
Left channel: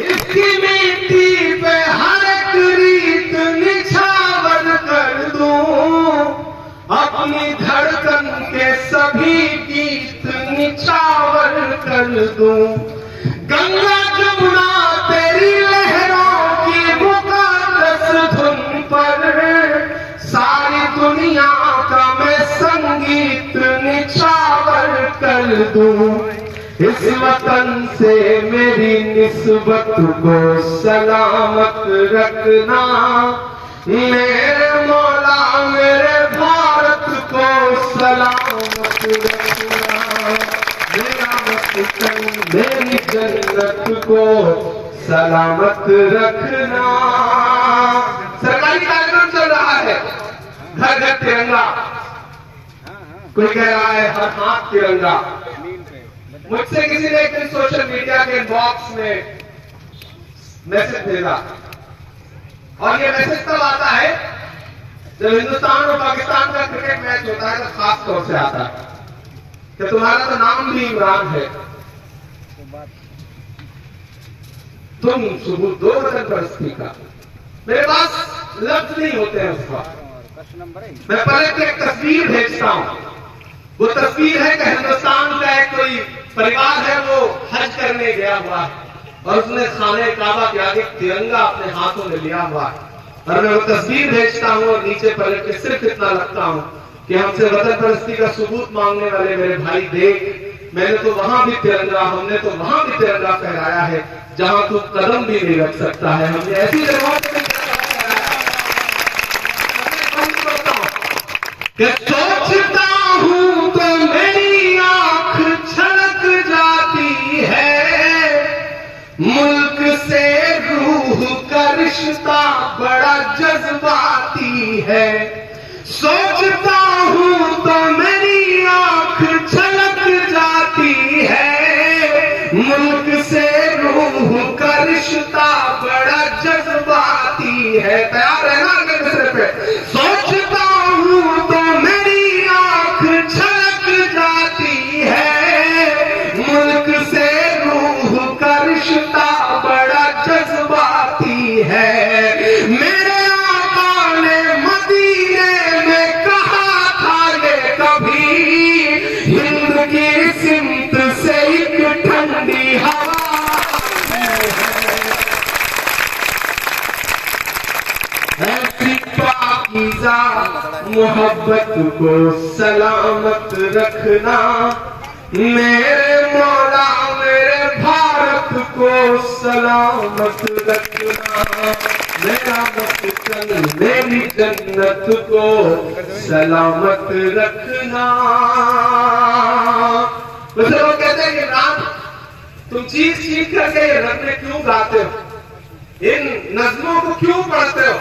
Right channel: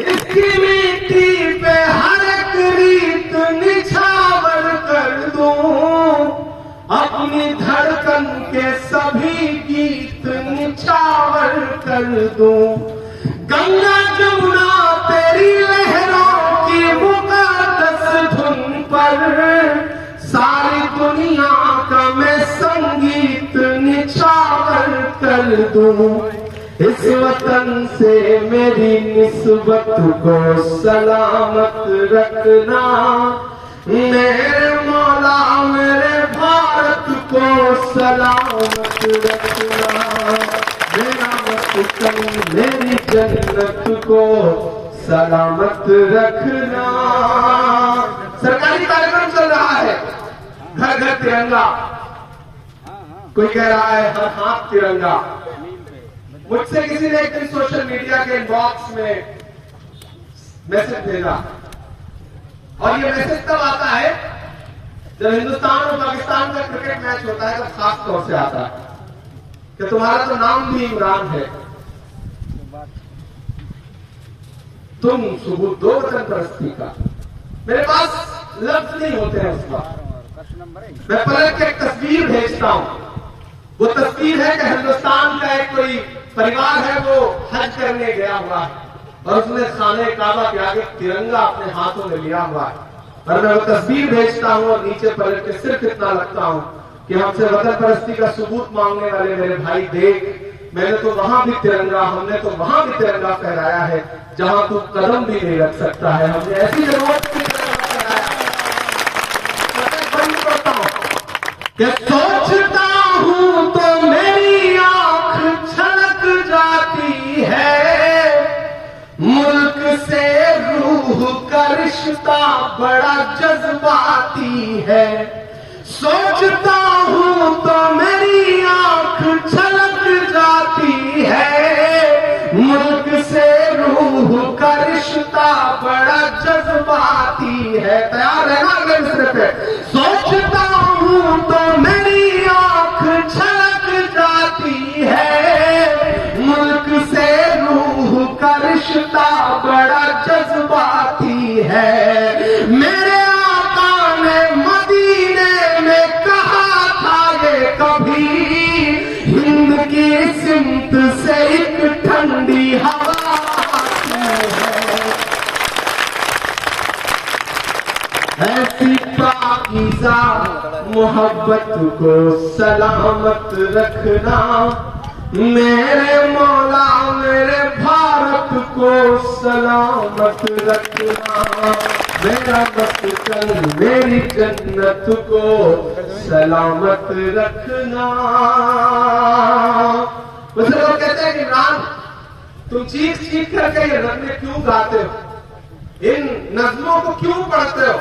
इसकी मिट्टी पे हर एक रीत निछावर कर दूं, अपनी धड़कन के सभी गीत निछावर कर दूं। गंगा जमुना तेरी लहरों की मुकद्दस धुन पर सारी दुनिया का मैं संगीत निछावर कर दूं। इस वतन से मेरी निस्बत को सलामत रखना। मेरे मौला मेरे भारत को सलामत रखना। मेरा वतन मेरी जन्नत को सलामत रखना। सरकारी कार्यक्रम चल रहा है, घर घर तिरंगा। कोई कह रहा है हर हाथ तिरंगा। मुझसे किसी ने एक सोशल मीडिया के इनबॉक्स में मैसेज भेजा और ये मैसेज तब आता है जब हिंदुस्तान और पाकिस्तान का क्रिकेट मैच होता है, तो खास तौर से आता है कि तुम्हारा तो नाम भी इमरान है, तुम सबूत दो वतन परस्ती का। मेरे पास लफ्ज नहीं होते हैं उसका। मैं पलट एक तस्वीर भेजता हूं। वो तस्वीर है कि हिंदुस्तान का एक कोई परिवार है, वो हज करने गया हुआ है और उसने खाने काबा के आगे तिरंगा अपने हाथों में लिया हुआ है। और मैं वो तस्वीर भेजता हूं और नीचे पलट के सिर्फ इतना लगता हूं कि हमसे वतन परस्ती का सबूत मांगने वाले मेरे भाई देख, मैंने तो वहां भी तिरंगा, हमने तो वहां भी तिरंगा फहराया है जहां तू कदम भी नहीं रख सकता है। हमने ऐसी जगह कि सोचता हूं तो मेरी आंख छलक जाती है। मुल्क से रूह का रिश्ता बड़ा जज्बाती है। सोचता हूं तो मेरी आंख छलक जाती है। मुल्क से रूह का रिश्ता बड़ा जज्बाती है। तैयार है ना गंदे पे? सोचता हूं तो मेरी आंख छलक जाती है। मुल्क से रूह का रिश्ता बड़ा जज्बाती है। मेरे आका ने मदीने में कहा था ये कभी, हिंद की सिमत से ठंडी हवा ऐसी पाकीज़ा मोहब्बत को सलामत रखना मेरे मौला मेरे भारत को सलामत रखना मेरा वतन मेरी जन्नत को सलामत रखना। कुछ लोग कहते हैं कि इमरान तुम चीख चीख करके ये नज़में क्यों गाते हो, इन नज़मों को क्यों पढ़ते हो?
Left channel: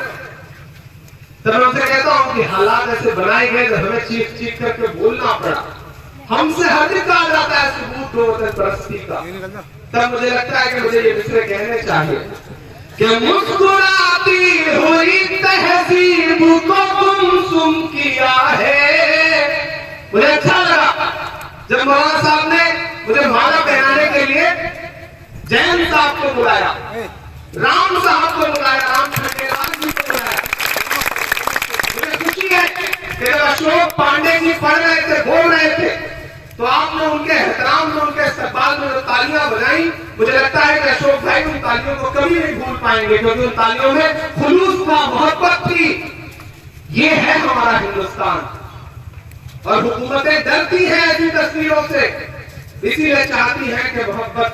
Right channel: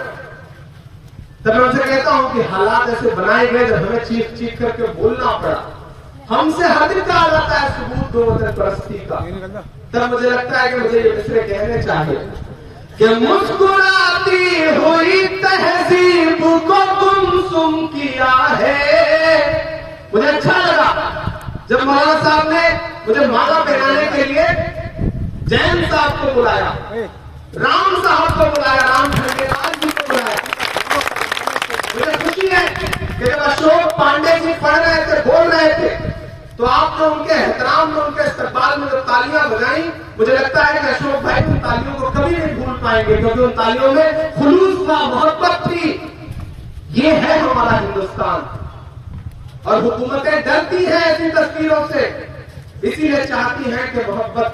तब मैं उनसे कहता हूं कि हालात ऐसे बनाए गए हमें चीख चीख करके बोलना पड़ा, हमसे हद कहा जाता है सबूत दो परस्ती का। तब मुझे लगता है कि मुझे ये मिसरे कहने चाहिए कि मुस्कुराती हुई तहजीब को गुमसुम किया है। मुझे अच्छा लगा जब मौलाना साहब ने मुझे माला पहनाने के लिए जैन साहब को बुलाया, राम साहब को बुलाया, राम खंडेलवाल जी को बुलाया। मुझे खुशी है कि अशोक पांडे जी पढ़ रहे थे, बोल रहे थे, तो आपने उनके एहतराम में उनके इस्तकबाल में जो तालियां बजाई, मुझे लगता है कि अशोक भाई उन तालियों को कभी नहीं भूल पाएंगे, क्योंकि उन तालियों में खुलूस था, मोहब्बत थी। ये है हमारा हिंदुस्तान और हुकूमतें डरती हैं ऐसी तस्वीरों से, इसीलिए चाहती हैं कि मोहब्बत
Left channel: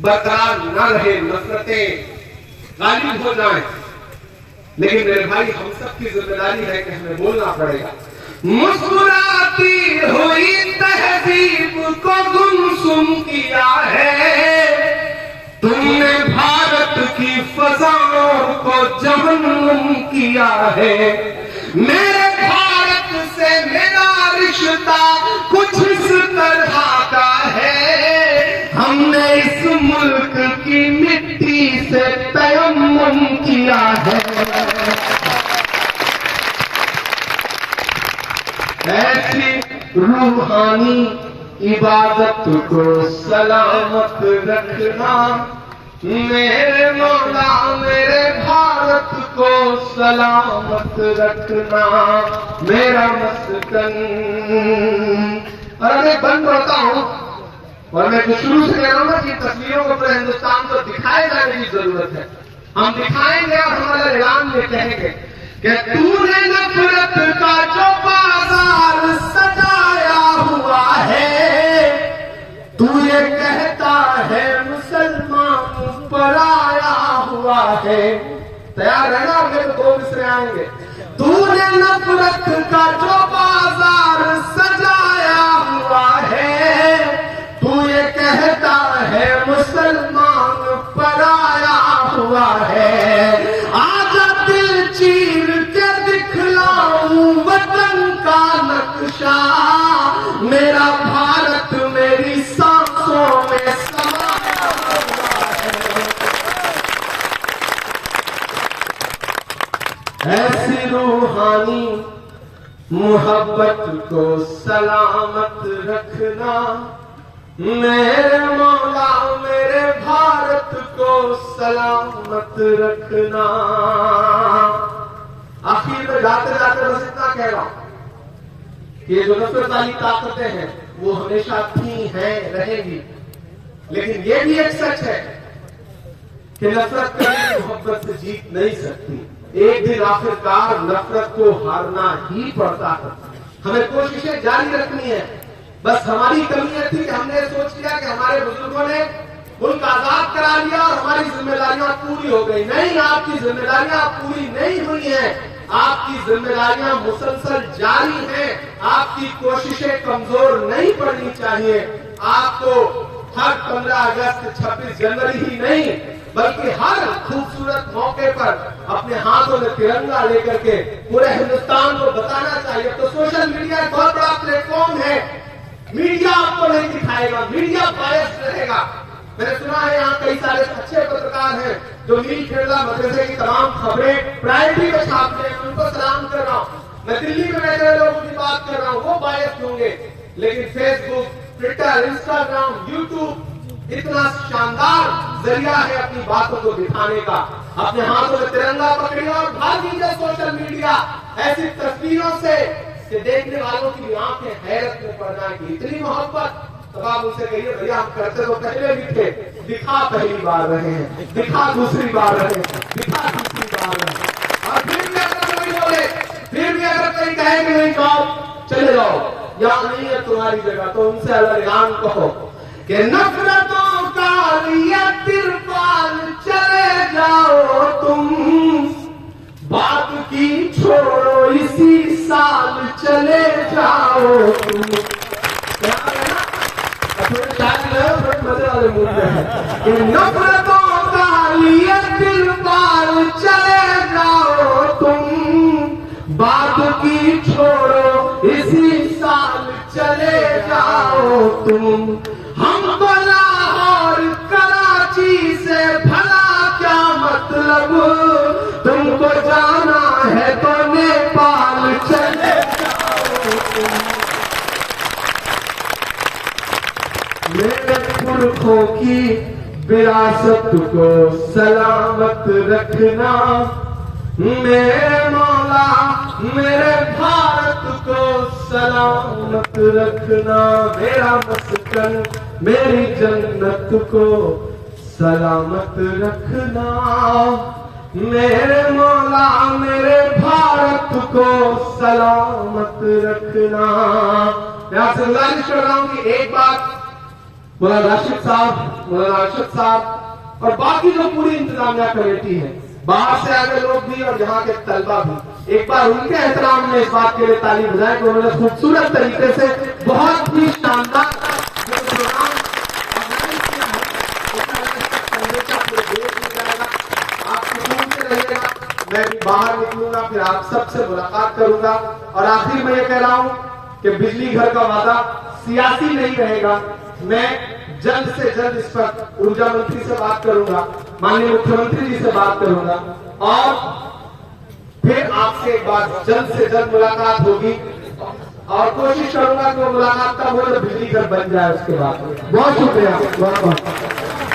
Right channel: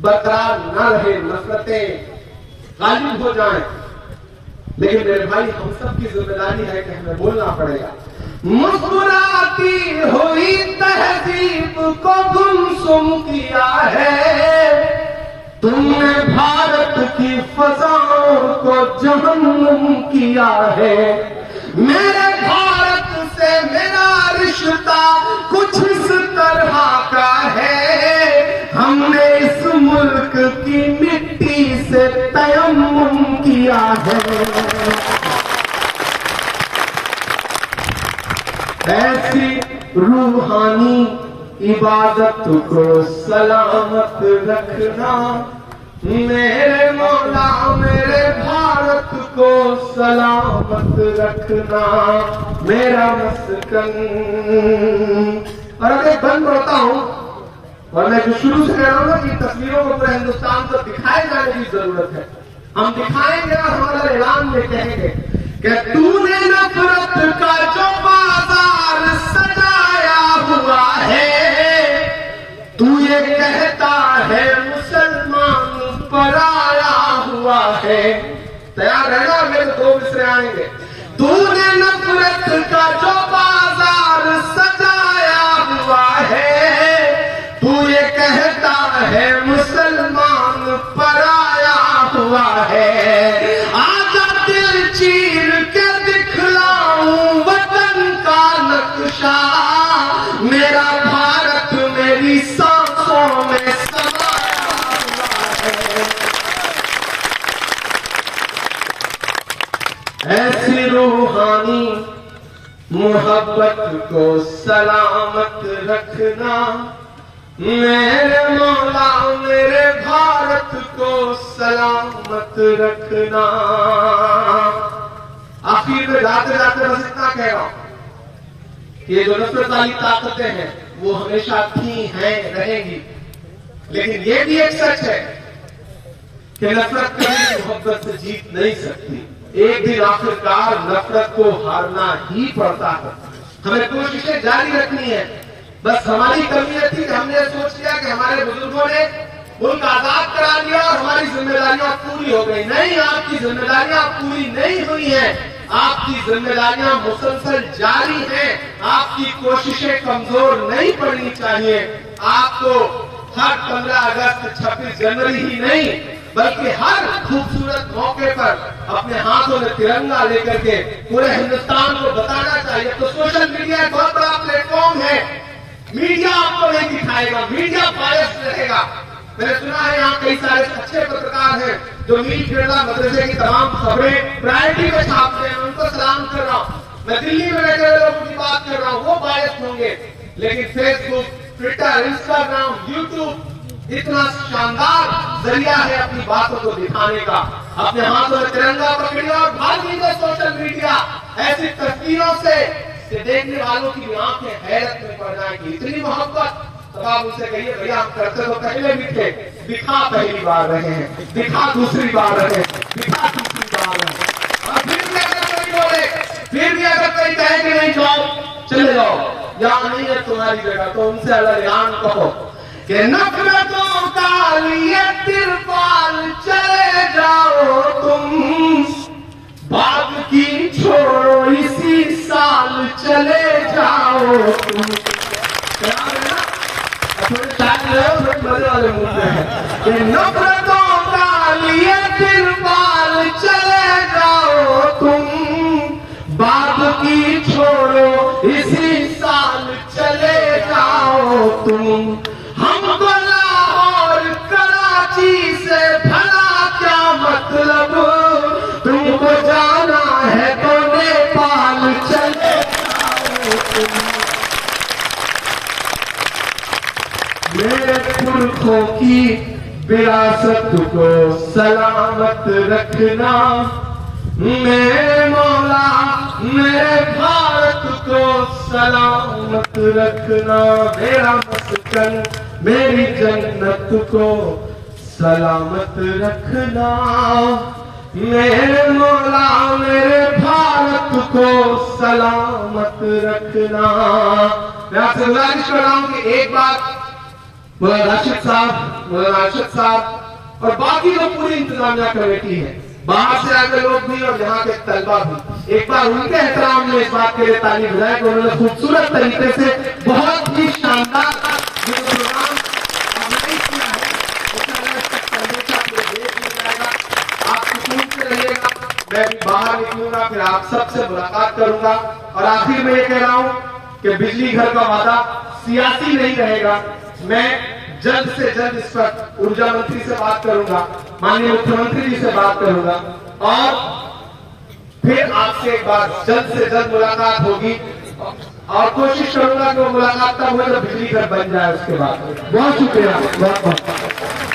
बरकरार न रहे, नफरतें गालिब हो जाएं। लेकिन मेरे भाई हम सबकी जिम्मेदारी है कि हमें बोलना पड़ेगा। मुस्कुराती हुई तहजीब को गुमसुम किया है, तुमने भारत की फजाओं को जहन्नुम किया है। मेरे भारत से मेरा रिश्ता कुछ इस तरह का है, हमने इस मुल्क की मिट्टी से तयम्मुम किया है। ऐसी रूहानी इबादत को सलामत रखना मेरे मौला मेरे भारत को सलामत रखना मेरा मस्कन। और मैं बंद होता हूं और मैं शुरू से कह रहा हूं ना कि तस्वीरों को पूरे हिंदुस्तान को दिखाए जाने की जरूरत है। हम दिखाएंगे और हमारे ऐलान में कहेंगे कि तूने नफरत का जो बाजार सजाया हुआ है, तू ये कहता है मुसलमान पराया हुआ है। तैयार रहना, मेरे दो मिसरे आएंगे। तूने नफरत का जो बाजार सजाया हुआ है, तू ये कहता है मुसलमान पराया हुआ है। आजा दिल चीर के दिखलाऊं वतन का नक्शा, मेरा भारत मेरी सांसों में समाया हुआ है। ऐसी रूहानी मोहब्बत को सलामत रखना मेरे मौला मेरे भारत को सलामत रखना। आखिर में जाते जाते बस इतना कह रहा हूं, ये जो नफरत वाली ताकतें हैं वो हमेशा थी हैं रहेंगी, लेकिन ये भी एक सच है कि नफरत कभी मोहब्बत से जीत नहीं सकती। एक दिन आखिरकार नफरत को हारना ही पड़ता है। हमें कोशिशें जारी रखनी है। बस हमारी कमी थी कि हमने सोच लिया कि हमारे बुजुर्गों ने मुल्क आजाद करा लिया और हमारी जिम्मेदारियां पूरी हो गई। नहीं, आपकी जिम्मेदारियां पूरी नहीं हुई हैं। आपकी जिम्मेदारियां मुसलसल जारी हैं। आपकी कोशिशें कमजोर नहीं पड़नी चाहिए। आपको हर 15 अगस्त 26 जनवरी ही नहीं बल्कि हर खूबसूरत मौके पर अपने हाथों में तिरंगा लेकर के पूरे हिंदुस्तान को बताना चाहिए। तो सोशल मीडिया एक बहुत बड़ा प्लेटफॉर्म है। मीडिया आपको नहीं दिखाएगा, मीडिया बायस रहेगा। मैंने सुना है यहाँ कई सारे अच्छे पत्रकार हैं जो मीर खेड़ा मदरसे की तमाम खबरें प्रायोरिटी पे छापते हैं, उनको सलाम कर रहा हूँ। मैं दिल्ली में बैठे लोगों की बात कर रहा हूँ, वो बायस होंगे, लेकिन फेसबुक, ट्विटर, इंस्टाग्राम, यूट्यूब इतना शानदार जरिया है अपनी बातों को दिखाने का। अपने हाथों में तिरंगा पकड़िए और भागीए सोशल मीडिया ऐसी तस्वीरों से देखने वालों की आंखें हैरत में पड़ जाएंगी। इतनी मोहब्बत अब आप उनसे कहिए भैया हम करते तो पहले भी थे, दिखा पहली बार रहे हैं, दिखा दूसरी बार रहे, दिखा तीसरी बार रहे, और फिर भी अगर कोई बोले, फिर भी अगर कोई कहे कि नहीं जाओ चले जाओ, यहाँ नहीं है तुम्हारी जगह, तो उनसे अगर यहाँ कहो कि नफरतों का लिए तिरपाल चले जाओ तुम, बात की छोड़ो इसी साल चले जाओ तुम। मजे वाले मूड में है कि नफरतों का लिए तिरपाल चले जाओ तुम, बात की छोड़ो इसी साल चले जाओ तुम। हमको लाहौर कराची से भला क्या मतलब, तुमको जाना है तो नेपाल चले जाओ तुम। मेरे पुरखों की विरासत को सलामत रखना, मेरे मौला मेरे भारत को सलामत रखना, मेरा मस्कन मेरी जन्नत को सलामत रखना, मेरे मौला मेरे भारत को सलामत रखना। मैं आपसे गुजारिश कर रहा हूं कि एक बार मौलाना राशिद साहब और बाकी जो पूरी इंतजामिया कमेटी है, बाहर से आए लोग भी और यहाँ के तलबा भी, एक बार उनके एहतराम में इस बात के लिए ताली बजाएं कि उन्होंने खूबसूरत तरीके से बहुत ही शानदार प्रोग्राम ऑर्गेनाइज किया है। आप सुकून से रहिएगा, मैं भी बाहर निकलूंगा, फिर आप सबसे मुलाकात करूंगा। और आखिर में ये कह रहा हूं कि बिजली घर का वादा सियासी नहीं रहेगा। मैं जल्द से जल्द इस पर ऊर्जा मंत्री से बात करूंगा, माननीय मुख्यमंत्री जी से बात करूंगा, और फिर आपसे एक बार जल्द से जल्द मुलाकात होगी, और कोशिश करूंगा कि वो मुलाकात तब हो जब बिजली घर बन जाए उसके बाद। बहुत शुक्रिया, बहुत बहुत।